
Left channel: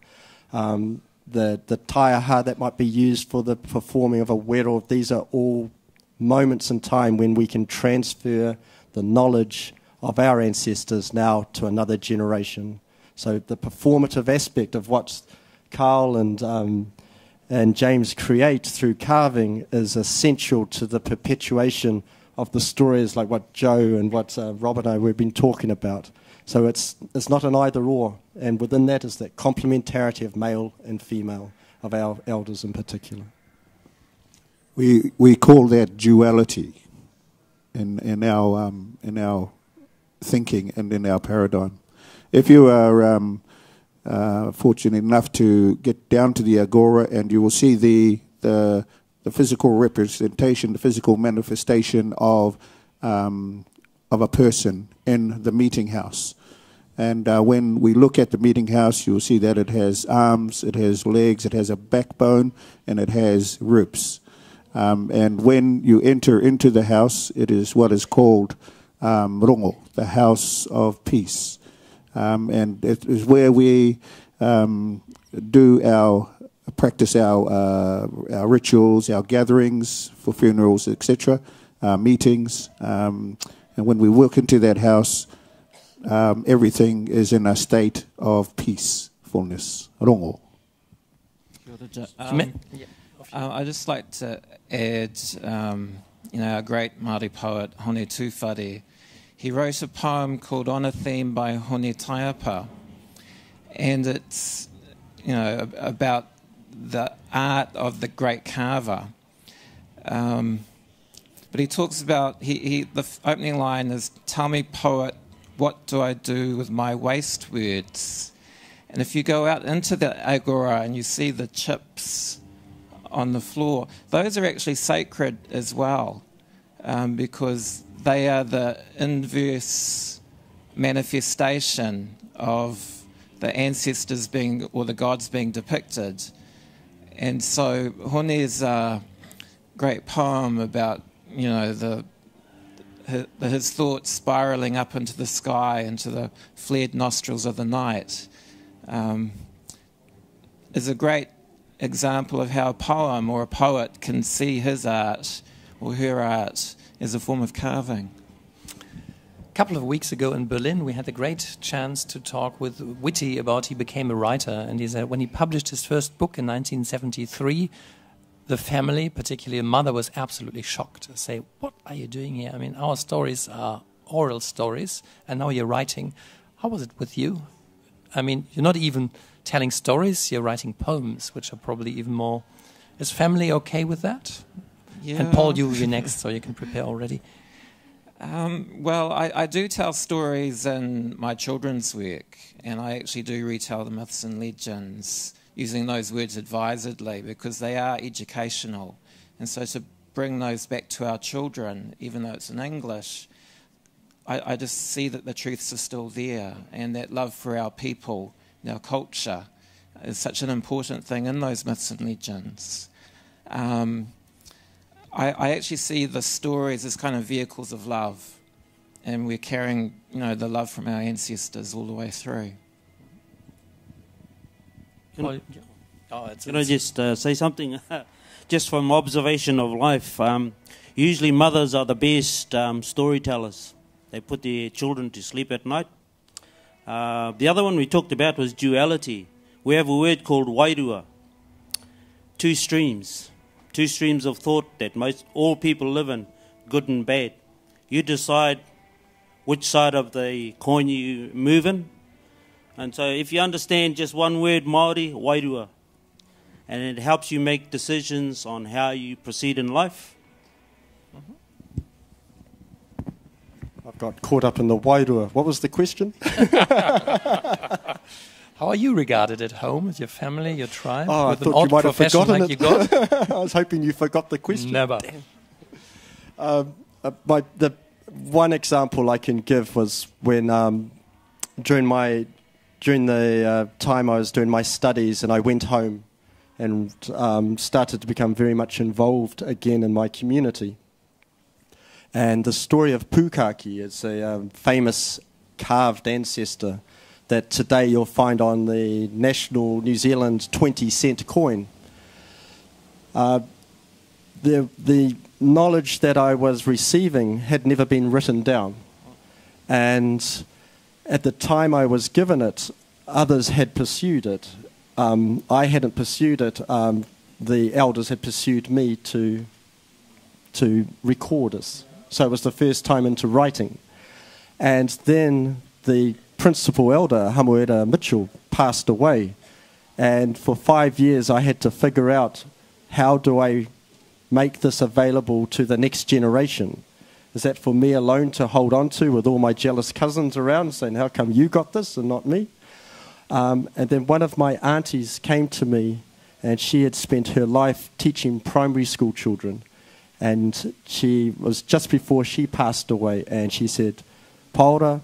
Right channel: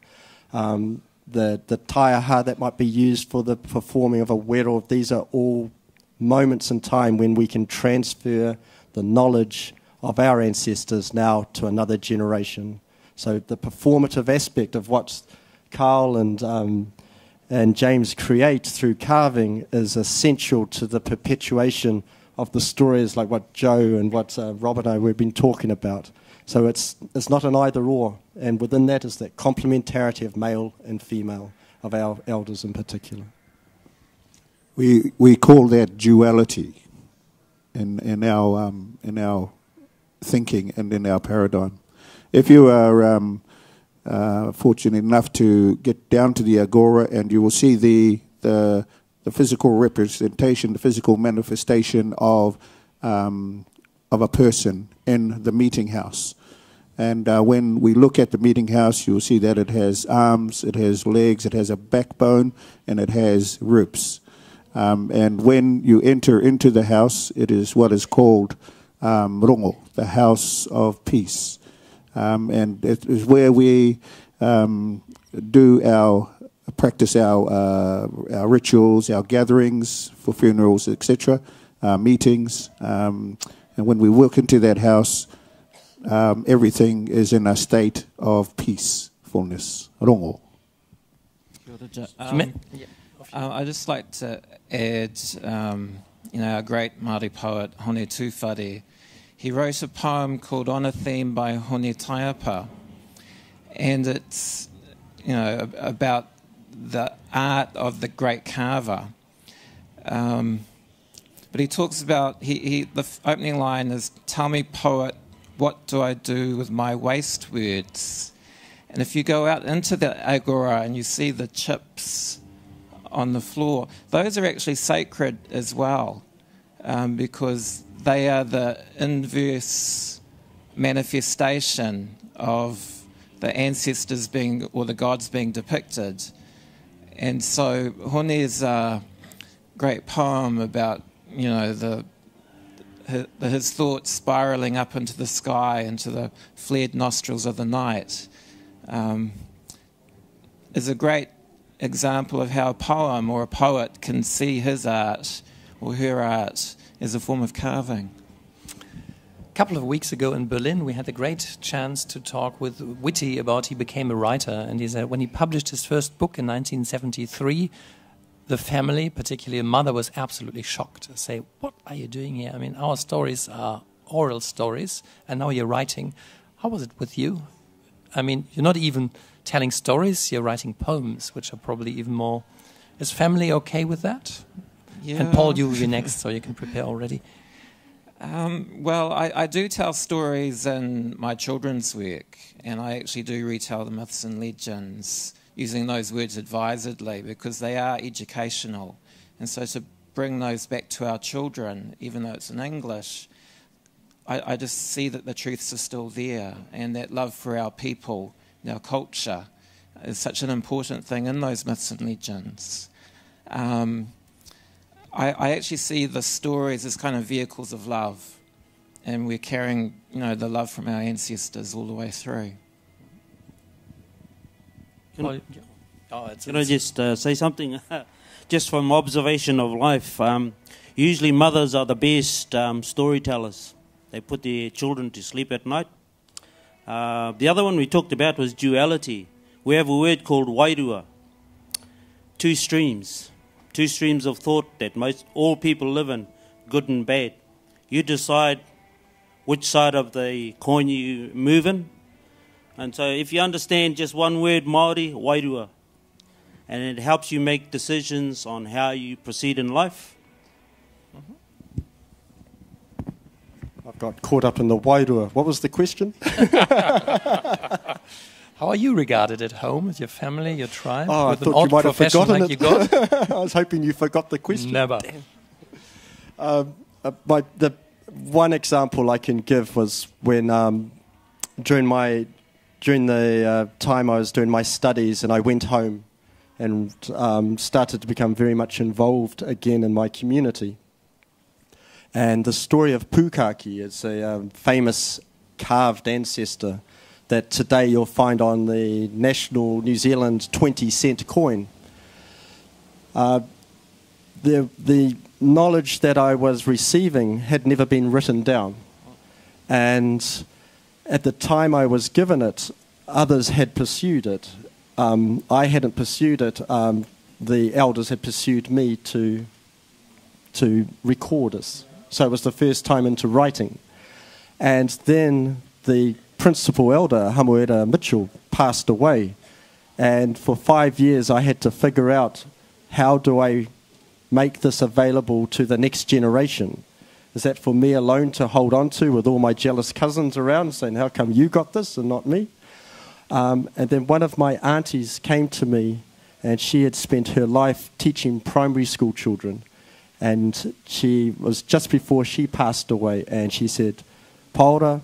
the taiaha that might be used for the performing of a rero. These are all moments in time when we can transfer the knowledge of our ancestors now to another generation. So the performative aspect of what Karl and James create through carving is essential to the perpetuation of the stories like what Joe and what Robert and I we've been talking about. So it's not an either or, and within that is that complementarity of male and female, of our elders in particular. We call that duality in our thinking and in our paradigm. If you are fortunate enough to get down to the agora, and you will see the physical representation, the physical manifestation of a person in the meeting house. And when we look at the meeting house, you'll see that it has arms, it has legs, it has a backbone, and it has ribs. And when you enter into the house, it is what is called rongo, the house of peace. And it is where we practice our rituals, our gatherings for funerals, etc., meetings. And when we walk into that house, everything is in a state of peacefulness. Rongo. I'd just like to add, our great Māori poet, Hone Tūwhare. He wrote a poem called On a Theme by Hone Taiapa, and it's, about the art of the great carver. But he talks about, the opening line is, "Tell me, poet, what do I do with my waste words?" And if you go out into the agora and you see the chips on the floor, those are actually sacred as well, because they are the inverse manifestation of the ancestors being, or the gods being depicted. And so Hone's great poem about, his thoughts spiraling up into the sky, into the flared nostrils of the night, is a great example of how a poem or a poet can see his art or her art as a form of carving. A couple of weeks ago in Berlin, we had the great chance to talk with Witi about he became a writer. And he said when he published his first book in 1973, the family, particularly a mother, was absolutely shocked to say, "What are you doing here? I mean, our stories are oral stories, and now you're writing. How was it with you? I mean, you're not even telling stories, you're writing poems, which are probably even more..." Is family okay with that? Yeah. And Paul, you'll be next, so you can prepare already. Well, I do tell stories in my children's work, and I actually do retell the myths and legends, using those words advisedly, because they are educational. And so to bring those back to our children, even though it's in English, I just see that the truths are still there, and that love for our people, our culture, is such an important thing in those myths and legends. I actually see the stories as kind of vehicles of love, and we're carrying, the love from our ancestors all the way through. Can I just say something? Just from observation of life, usually mothers are the best storytellers. They put their children to sleep at night. The other one we talked about was duality. We have a word called wairua. Two streams of thought that all people live in, good and bad. You decide which side of the coin you move in. And so if you understand just one word, Māori, wairua, and it helps you make decisions on how you proceed in life. I've got caught up in the wairua. What was the question? How are you regarded at home, with your family, your tribe? Oh, with I thought you might have forgotten it. You got? I was hoping you forgot the question. Never. The one example I can give was when during the time I was doing my studies and I went home and started to become very much involved again in my community. And the story of Pukaki is a famous carved ancestor that today you'll find on the national New Zealand 20-cent coin. The knowledge that I was receiving had never been written down. And at the time I was given it, others had pursued it. I hadn't pursued it. The elders had pursued me to record us. So it was the first time into writing. And then the principal elder, Ihimaera Mitchell, passed away. And for 5 years I had to figure out, how do I make this available to the next generation? Is that for me alone to hold on to with all my jealous cousins around saying, how come you got this and not me? And then one of my aunties came to me, and she had spent her life teaching primary school children. And she was just before she passed away, and she said, Paula,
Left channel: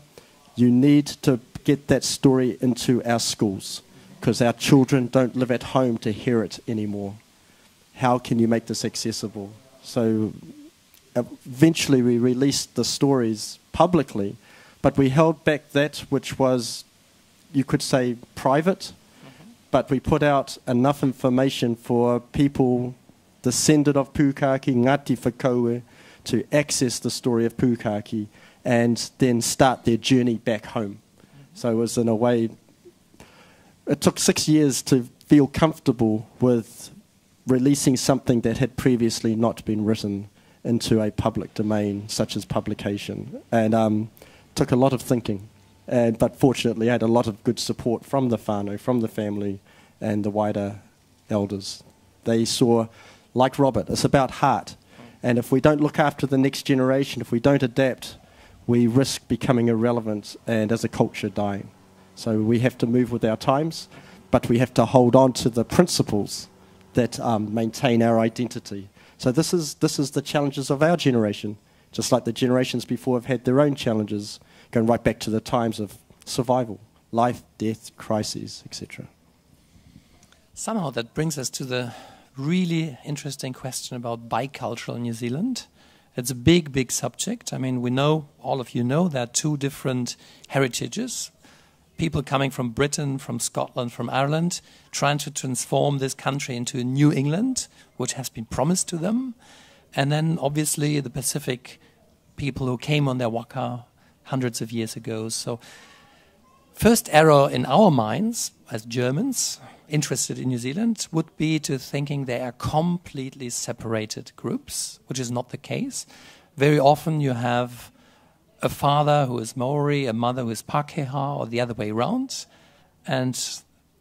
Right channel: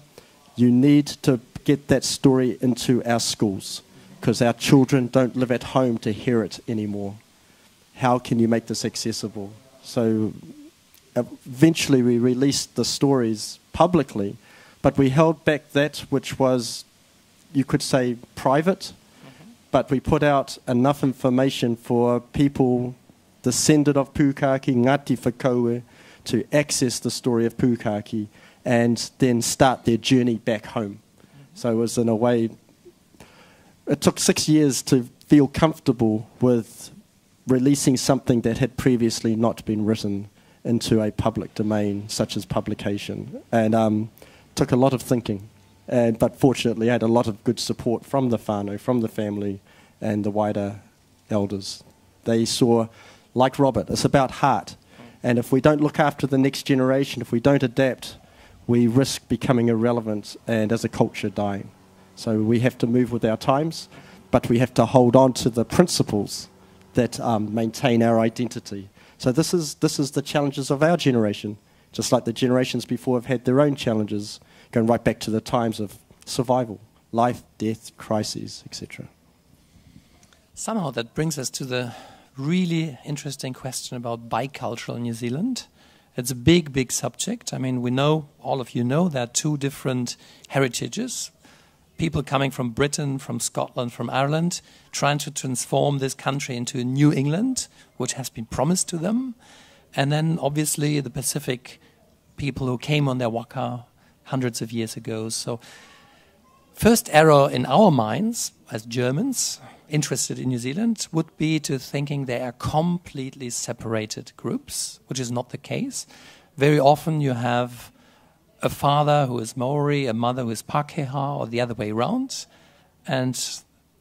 you need to get that story into our schools because our children don't live at home to hear it anymore. How can you make this accessible? So eventually we released the stories publicly, but we held back that which was, you could say, private, but we put out enough information for people descended of Pukaki, Ngāti Whakaue, to access the story of Pukaki and then start their journey back home. So it was, in a way, it took 6 years to feel comfortable with releasing something that had previously not been written into a public domain, such as publication. And took a lot of thinking. But fortunately, I had a lot of good support from the whānau, from the family, and the wider elders. They saw, like Robert, it's about heart. And if we don't look after the next generation, if we don't adapt, we risk becoming irrelevant and as a culture dying. So we have to move with our times, but we have to hold on to the principles that maintain our identity. So this is the challenges of our generation, just like the generations before have had their own challenges, going right back to the times of survival, life, death, crises, etc. Somehow that brings us to the really interesting question about bicultural New Zealand. It's a big, big subject. I mean, we know, all of you know, there are two different heritages. People coming from Britain, from Scotland, from Ireland, trying to transform this country into a New England, which has been promised to them. And then, obviously, the Pacific people who came on their waka hundreds of years ago. So, first error in our minds, as Germans interested in New Zealand, would be to thinking they are completely separated groups, which is not the case. Very often you have a father who is Maori, a mother who is Pākehā, or the other way around. And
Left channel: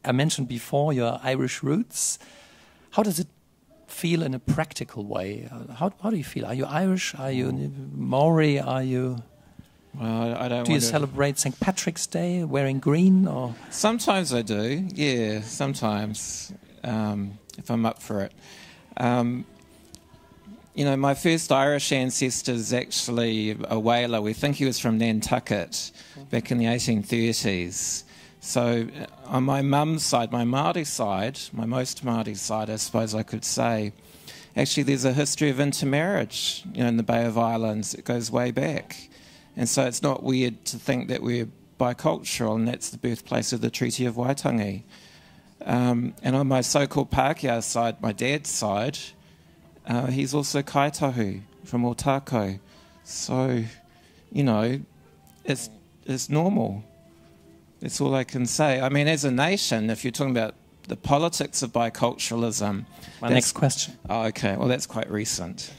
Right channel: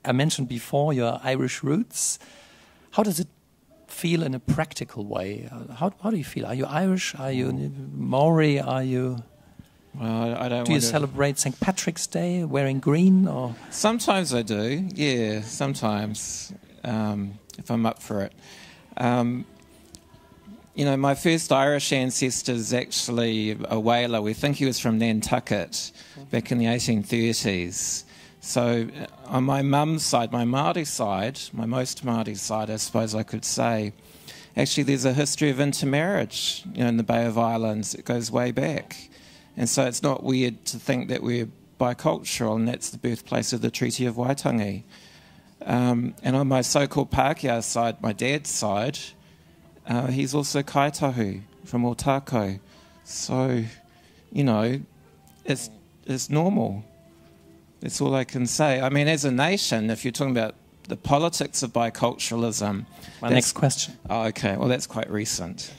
I mentioned before your Irish roots. How does it feel in a practical way? How do you feel? Are you Irish? Are you Maori? Are you... Well, I don't. Do you celebrate St. Patrick's Day wearing green? Or sometimes I do. Yeah, sometimes if I'm up for it. You know, my first Irish ancestor is actually a whaler. We think he was from Nantucket back in the 1830s. So on my mum's side, my Māori side, my most Māori side, I suppose I could say, actually there's a history of intermarriage, you know, in the Bay of Islands. It goes way back. And so it's not weird to think that we're bicultural, and that's the birthplace of the Treaty of Waitangi. And on my so-called Pākehā side, my dad's side, he's also kaitahu from Otako. So, you know, it's normal. That's all I can say. I mean, as a nation, if you're talking about the politics of biculturalism... My next question. Oh, okay. Well, that's quite recent.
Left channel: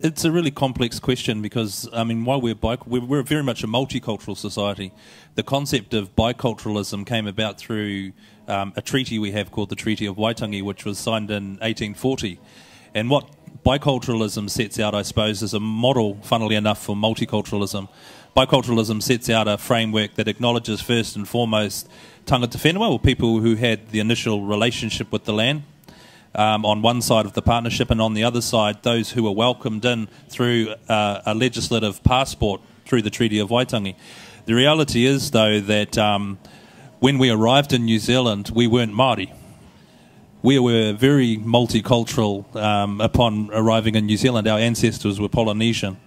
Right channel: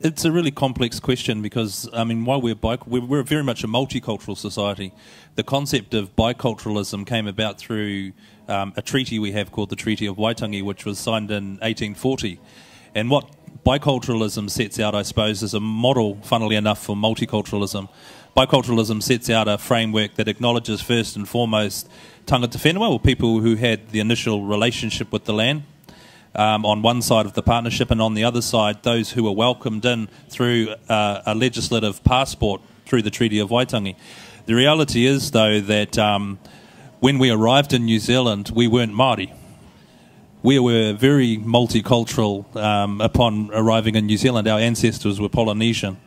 It's a really complex question because, I mean, while we're very much a multicultural society. The concept of biculturalism came about through a treaty we have called the Treaty of Waitangi, which was signed in 1840. And what biculturalism sets out, I suppose, is a model, funnily enough, for multiculturalism. Biculturalism sets out a framework that acknowledges first and foremost tangata whenua, or people who had the initial relationship with the land, on one side of the partnership, and on the other side, those who were welcomed in through a legislative passport through the Treaty of Waitangi. The reality is, though, that when we arrived in New Zealand, we weren't Māori. We were very multicultural upon arriving in New Zealand. Our ancestors were Polynesian.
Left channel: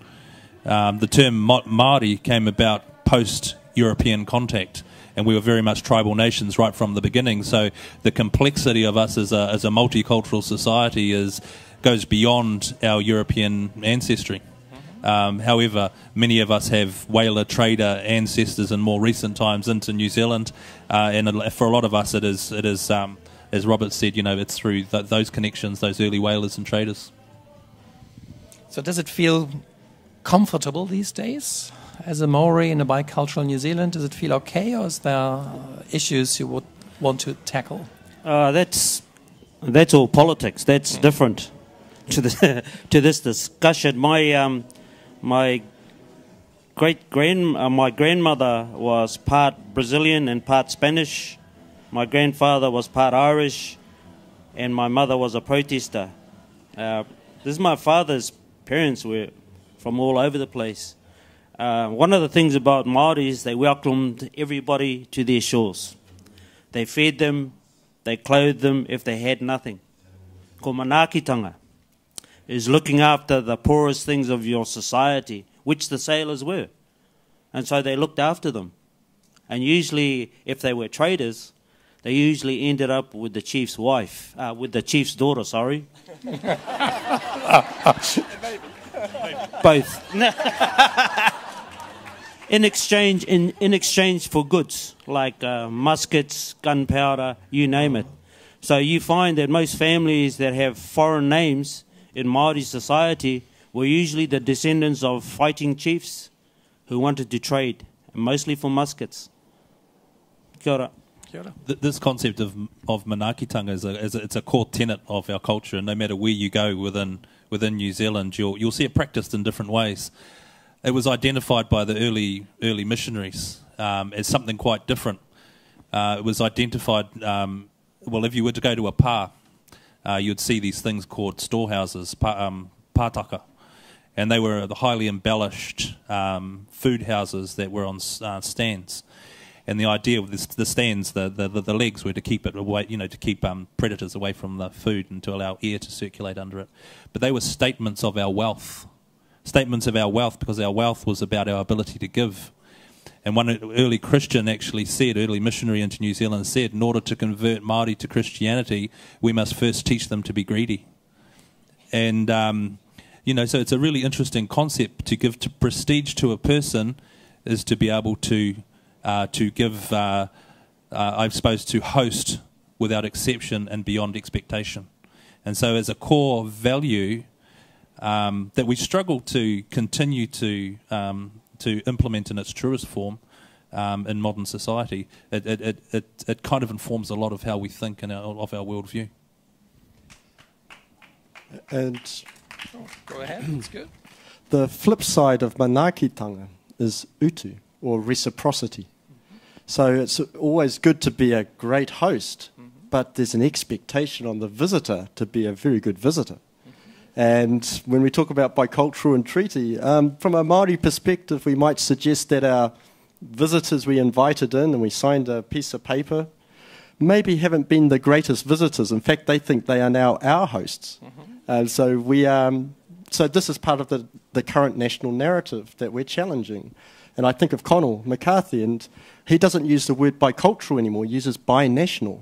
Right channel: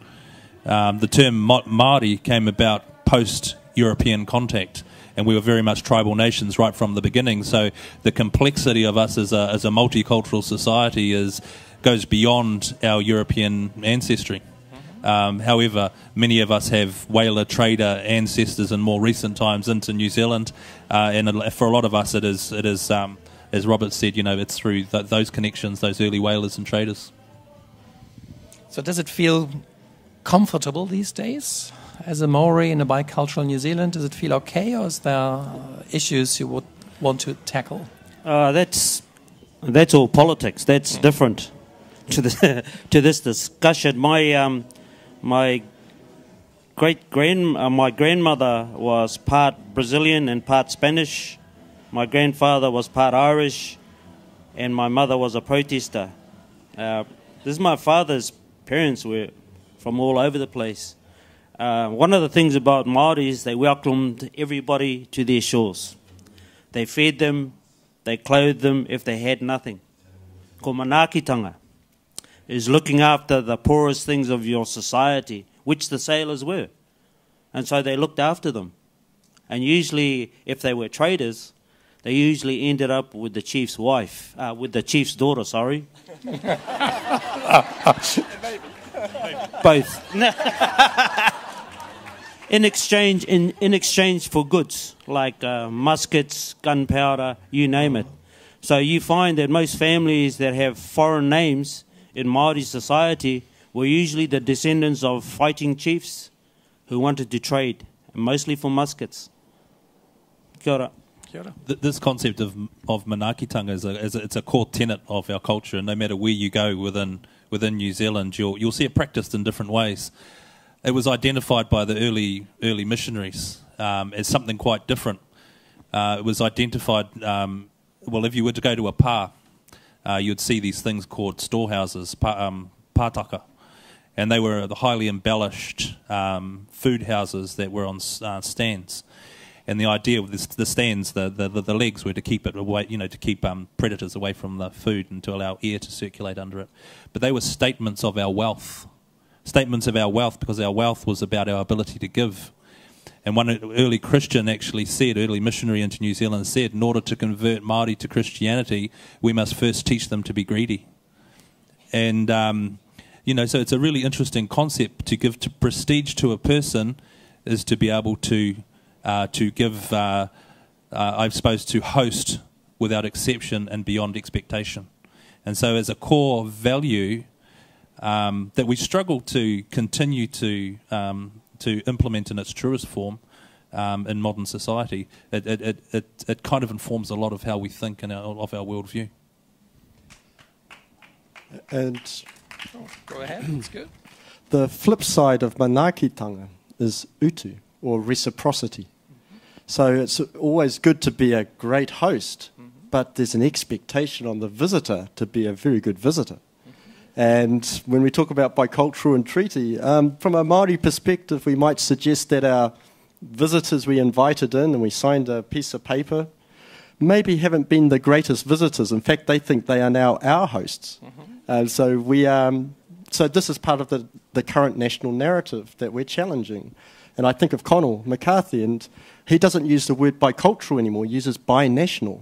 The term Māori came about post-European contact, and we were very much tribal nations right from the beginning. So the complexity of us as a multicultural society goes beyond our European ancestry. However, many of us have whaler trader ancestors in more recent times into New Zealand, and for a lot of us it is as Robert said, you know, it's through those connections, those early whalers and traders. So does it feel comfortable these days as a Maori in a bicultural New Zealand? Does it feel okay, or is there issues you would want to tackle? That's all politics. That's different to this discussion. My grandmother was part Brazilian and part Spanish. My grandfather was part Irish, and my mother was a protester. My father's parents were from all over the place. One of the things about Māori is they welcomed everybody to their shores. They fed them, they clothed them if they had nothing. Ko manaakitanga is looking after the poorest things of your society, which the sailors were. And so they looked after them. And usually, if they were traders, they usually ended up with the chief's wife, with the chief's daughter, sorry. Both. in exchange for goods like muskets, gunpowder, you name it. So you find that most families that have foreign names in Māori society were usually the descendants of fighting chiefs who wanted to trade, mostly for muskets. Kia ora. This concept of manaakitanga it's a core tenet of our culture, and no matter where you go within New Zealand, you'll see it practiced in different ways. It was identified by the early missionaries as something quite different. It was identified, if you were to go to a pā, you'd see these things called storehouses, pātaka, and they were the highly embellished food houses that were on stands. And the idea of the stands, the legs were to keep it away, to keep predators away from the food and to allow air to circulate under it. But they were statements of our wealth. Statements of our wealth, because our wealth was about our ability to give. And one early Christian actually said, early missionary into New Zealand said, in order to convert Māori to Christianity, we must first teach them to be greedy. And, so it's a really interesting concept. To give prestige to a person is to be able to give, I suppose, to host without exception and beyond expectation. And so as a core value that we struggle to continue to implement in its truest form in modern society, it kind of informs a lot of how we think and of our worldview. And go ahead, that's good. The flip side of manaakitanga is utu, or reciprocity. So it's always good to be a great host, but there's an expectation on the visitor to be a very good visitor. And when we talk about bicultural and treaty, from a Māori perspective, we might suggest that our visitors we invited in and we signed a piece of paper maybe haven't been the greatest visitors. In fact, they think they are now our hosts. And so so this is part of the current national narrative that we're challenging. And I think of Conall McCarthy, and he doesn't use the word bicultural anymore, he uses binational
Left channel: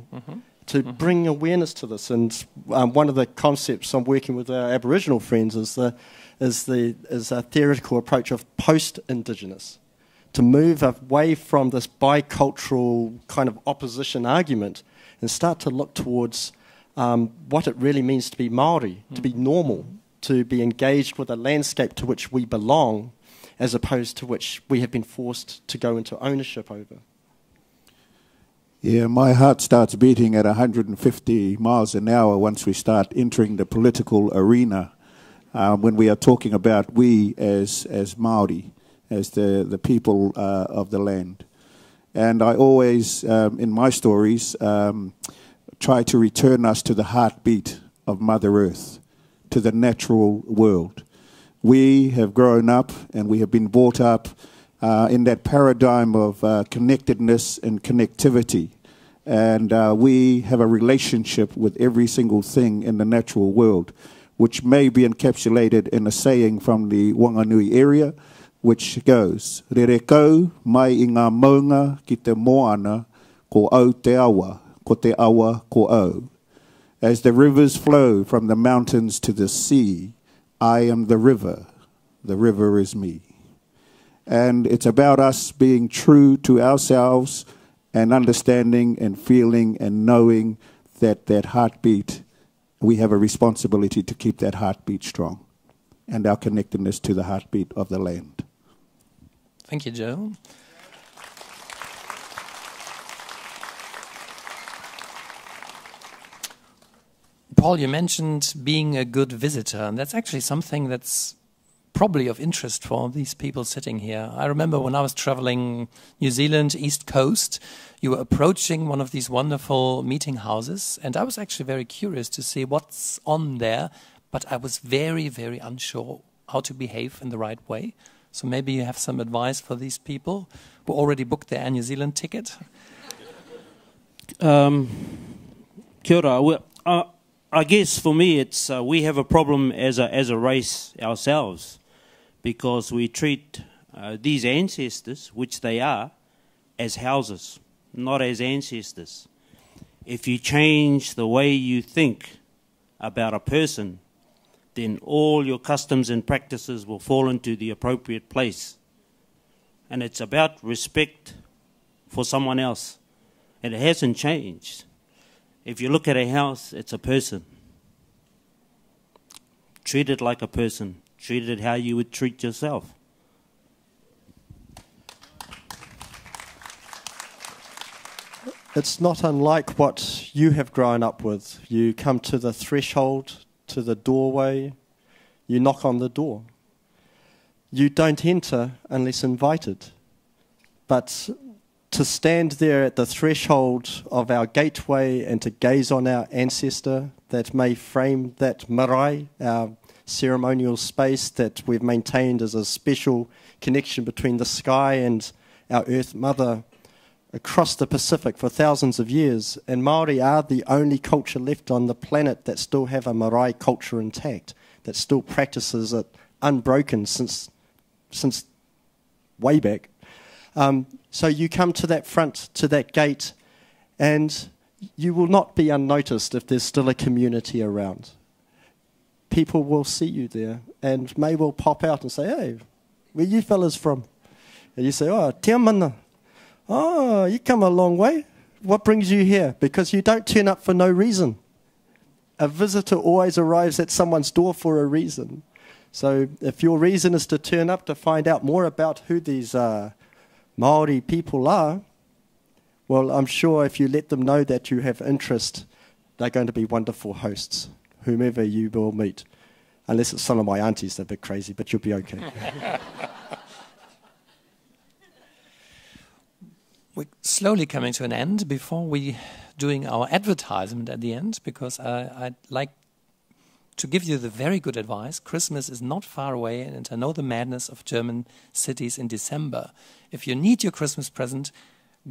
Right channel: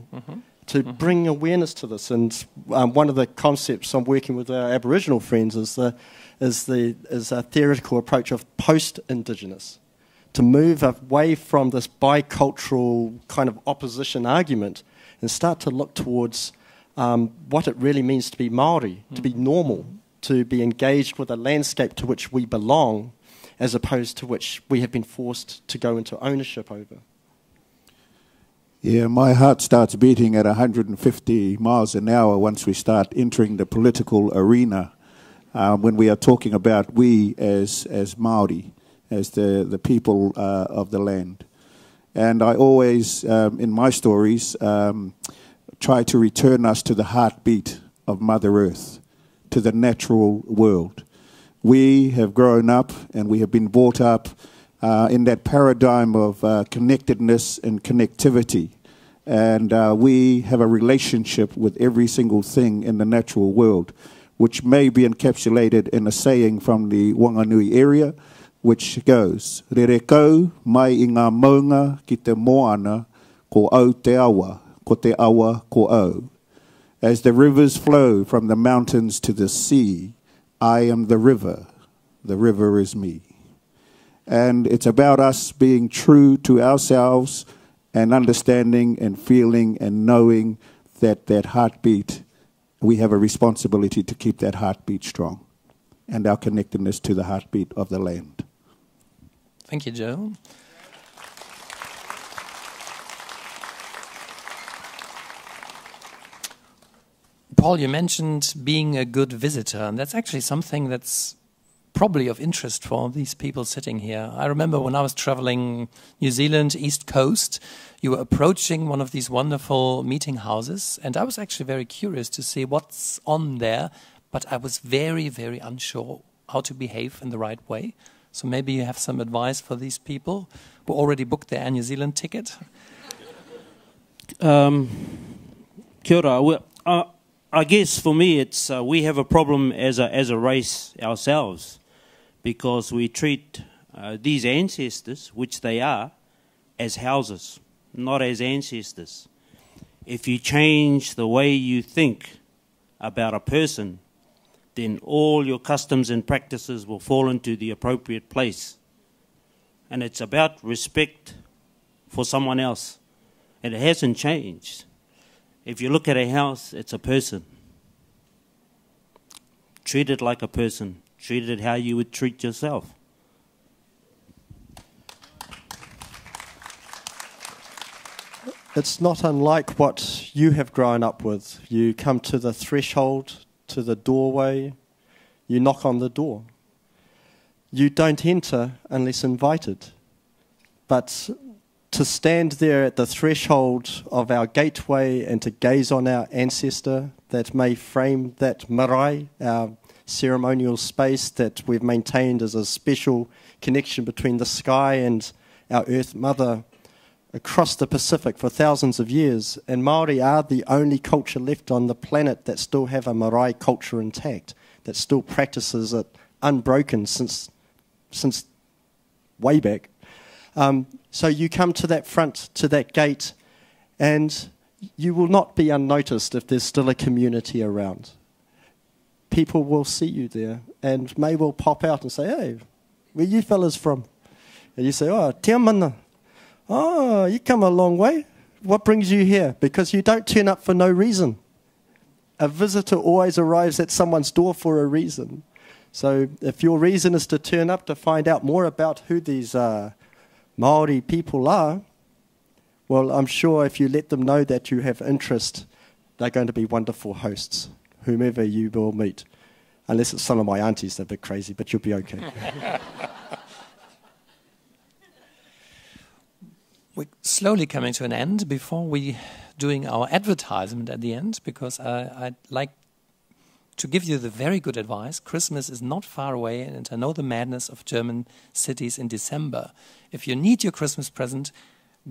to bring awareness to this. And one of the concepts I'm working with our Aboriginal friends is a theoretical approach of post-Indigenous, to move away from this bicultural kind of opposition argument and start to look towards what it really means to be Māori, to be normal, to be engaged with a landscape to which we belong, as opposed to which we have been forced to go into ownership over. Yeah, my heart starts beating at 150 miles an hour once we start entering the political arena, when we are talking about we as Māori, as the people of the land. And I always, in my stories, try to return us to the heartbeat of Mother Earth, to the natural world. We have grown up and we have been brought up in that paradigm of connectedness and connectivity. And we have a relationship with every single thing in the natural world, which may be encapsulated in a saying from the Wanganui area, which goes, Rere kau mai I ngā maunga ki te moana, ko au te awa, ko te awa ko au. As the rivers flow from the mountains to the sea, I am the river is me. And it's about us being true to ourselves and understanding and feeling and knowing that that heartbeat, we have a responsibility to keep that heartbeat strong and our connectedness to the heartbeat of the land. Thank you, Joe. Paul, you mentioned being a good visitor, and that's actually something that's probably of interest for these people sitting here. I remember when I was traveling New Zealand, East Coast, you were approaching one of these wonderful meeting houses, and I was actually very curious to see what's on there, but I was very, very unsure how to behave in the right way. So maybe you have some advice for these people who already booked their Air New Zealand ticket? Kia ora. Well, I guess for me it's we have a problem as a race ourselves, because we treat these ancestors, which they are, as houses, not as ancestors. If you change the way you think about a person, then all your customs and practices will fall into the appropriate place. And it's about respect for someone else. And it hasn't changed. If you look at a house, it's a person. Treat it like a person. Treat it how you would treat yourself. It's not unlike what you have grown up with. You come to the threshold, to the doorway, you knock on the door. You don't enter unless invited. But to stand there at the threshold of our gateway and to gaze on our ancestor that may frame that marae, our ceremonial space that we've maintained as a special connection between the sky and our Earth Mother across the Pacific for thousands of years. And Māori are the only culture left on the planet that still have a marae culture intact, that still practices it unbroken since way back. So you come to that front, to that gate, and you will not be unnoticed if there's still a community around. People will see you there and may well pop out and say, hey, where you fellas from? And you say, oh, te mana. Oh, you come a long way. What brings you here? Because you don't turn up for no reason. A visitor always arrives at someone's door for a reason. So if your reason is to turn up to find out more about who these Māori people are, well, I'm sure if you let them know that you have interest, they're going to be wonderful hosts, whomever you will meet. Unless it's some of my aunties, they're a bit crazy, but you'll be okay. We're slowly coming to an end before we doing our advertisement at the end, because I'd like to give you the very good advice. Christmas is not far away, and I know the madness of German cities in December. If you need your Christmas present,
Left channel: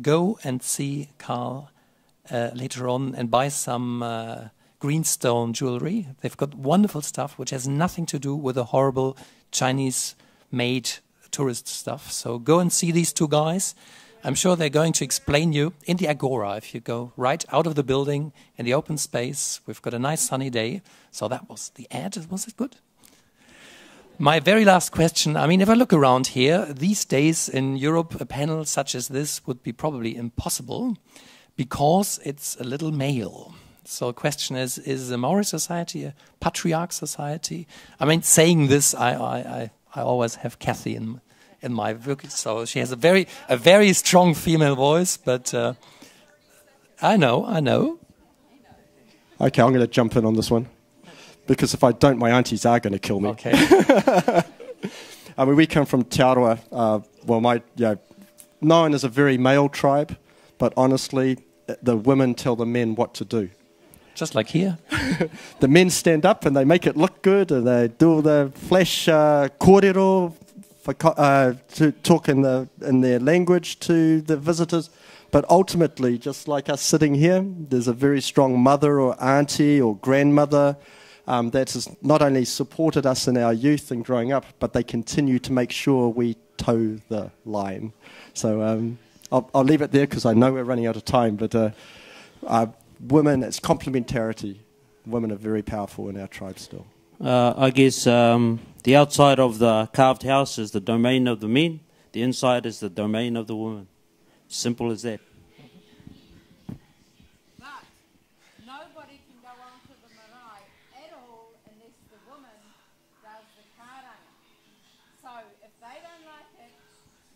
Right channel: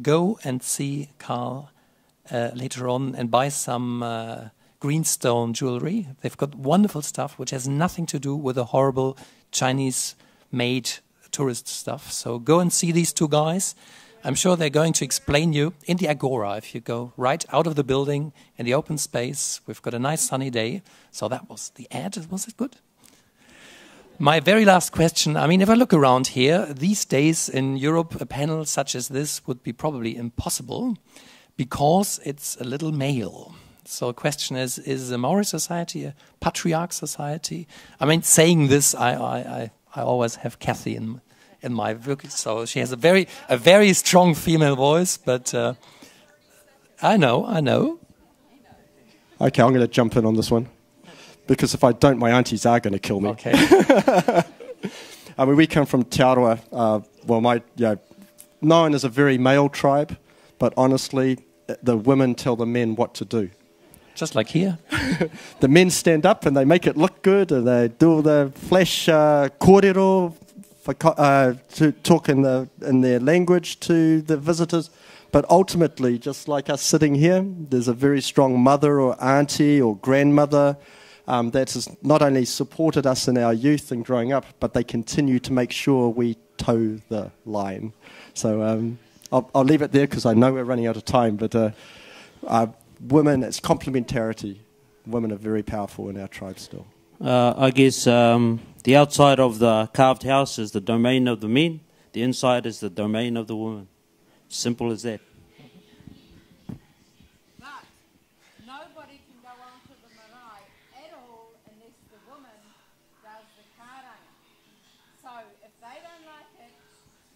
go and see Karl later on and buy some greenstone jewelry. They've got wonderful stuff which has nothing to do with the horrible Chinese-made tourist stuff. So go and see these two guys. I'm sure they're going to explain you in the Agora. If you go right out of the building in the open space, we've got a nice sunny day. So that was the ad. Was it good? My very last question. I mean, if I look around here, these days in Europe, a panel such as this would be probably impossible because it's a little male. So the question is a Maori society a patriarch society? I mean, saying this, I always have Kathy in my book, so she has a very strong female voice, but I know. Okay, I'm going to jump in on this one, because if I don't, my aunties are going to kill me. Okay. I mean, we come from Te Aroa, known as a very male tribe, but honestly, the women tell the men what to do. Just like here. The men stand up and they make it look good, and they do all the flash kōrero, to talk in their language to the visitors. But ultimately, just like us sitting here, there's a very strong mother or auntie or grandmother that has not only supported us in our youth and growing up, but they continue to make sure we toe the line. So I'll leave it there because I know we're running out of time. But women, it's complementarity. Women are very powerful in our tribe still. I guess the outside of the carved house is the domain of the men. The inside is the domain of the women. Simple as that. But nobody can go on to the marae at all unless the woman does the karanga. So if they don't like it,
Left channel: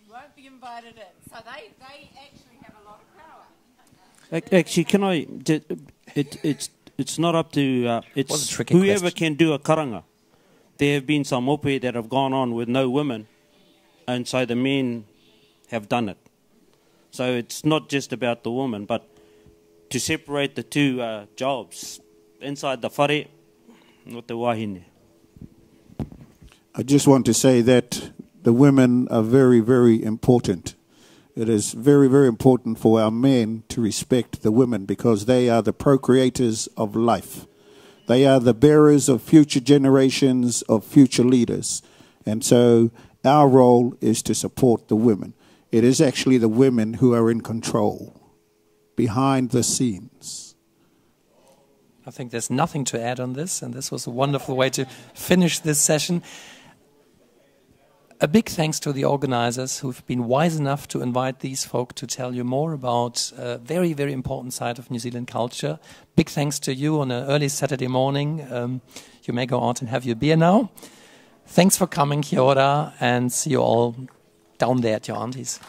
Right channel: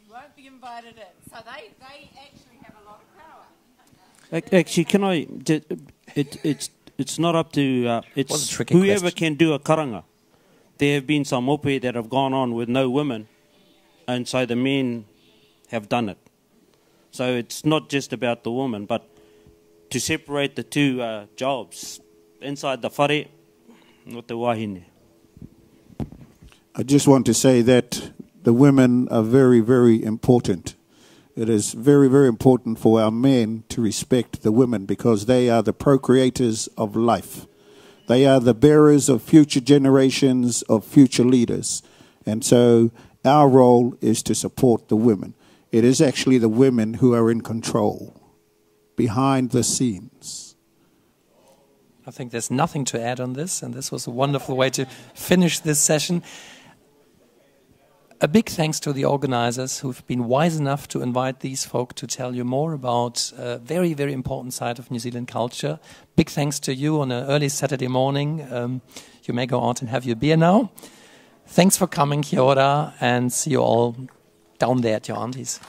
you won't be invited in. So they actually have a lot of power. Actually, can I? It's not up to it's whoever question. can do a karanga. There have been some mope that have gone on with no women, and so the men have done it. So it's not just about the woman, but to separate the two jobs inside the whare, not the wahine. I just want to say that the women are very, very important. It is very, very important for our men to respect the women because they are the procreators of life. They are the bearers of future generations of future leaders. And so our role is to support the women. It is actually the women who are in control, behind the scenes. I think there's nothing to add on this, and this was a wonderful way to finish this session. A big thanks to the organizers who've been wise enough to invite these folk to tell you more about a very, very important side of New Zealand culture. Big thanks to you on an early Saturday morning. You may go out and have your beer now. Thanks for coming, kia ora, and see you all down there at your aunties.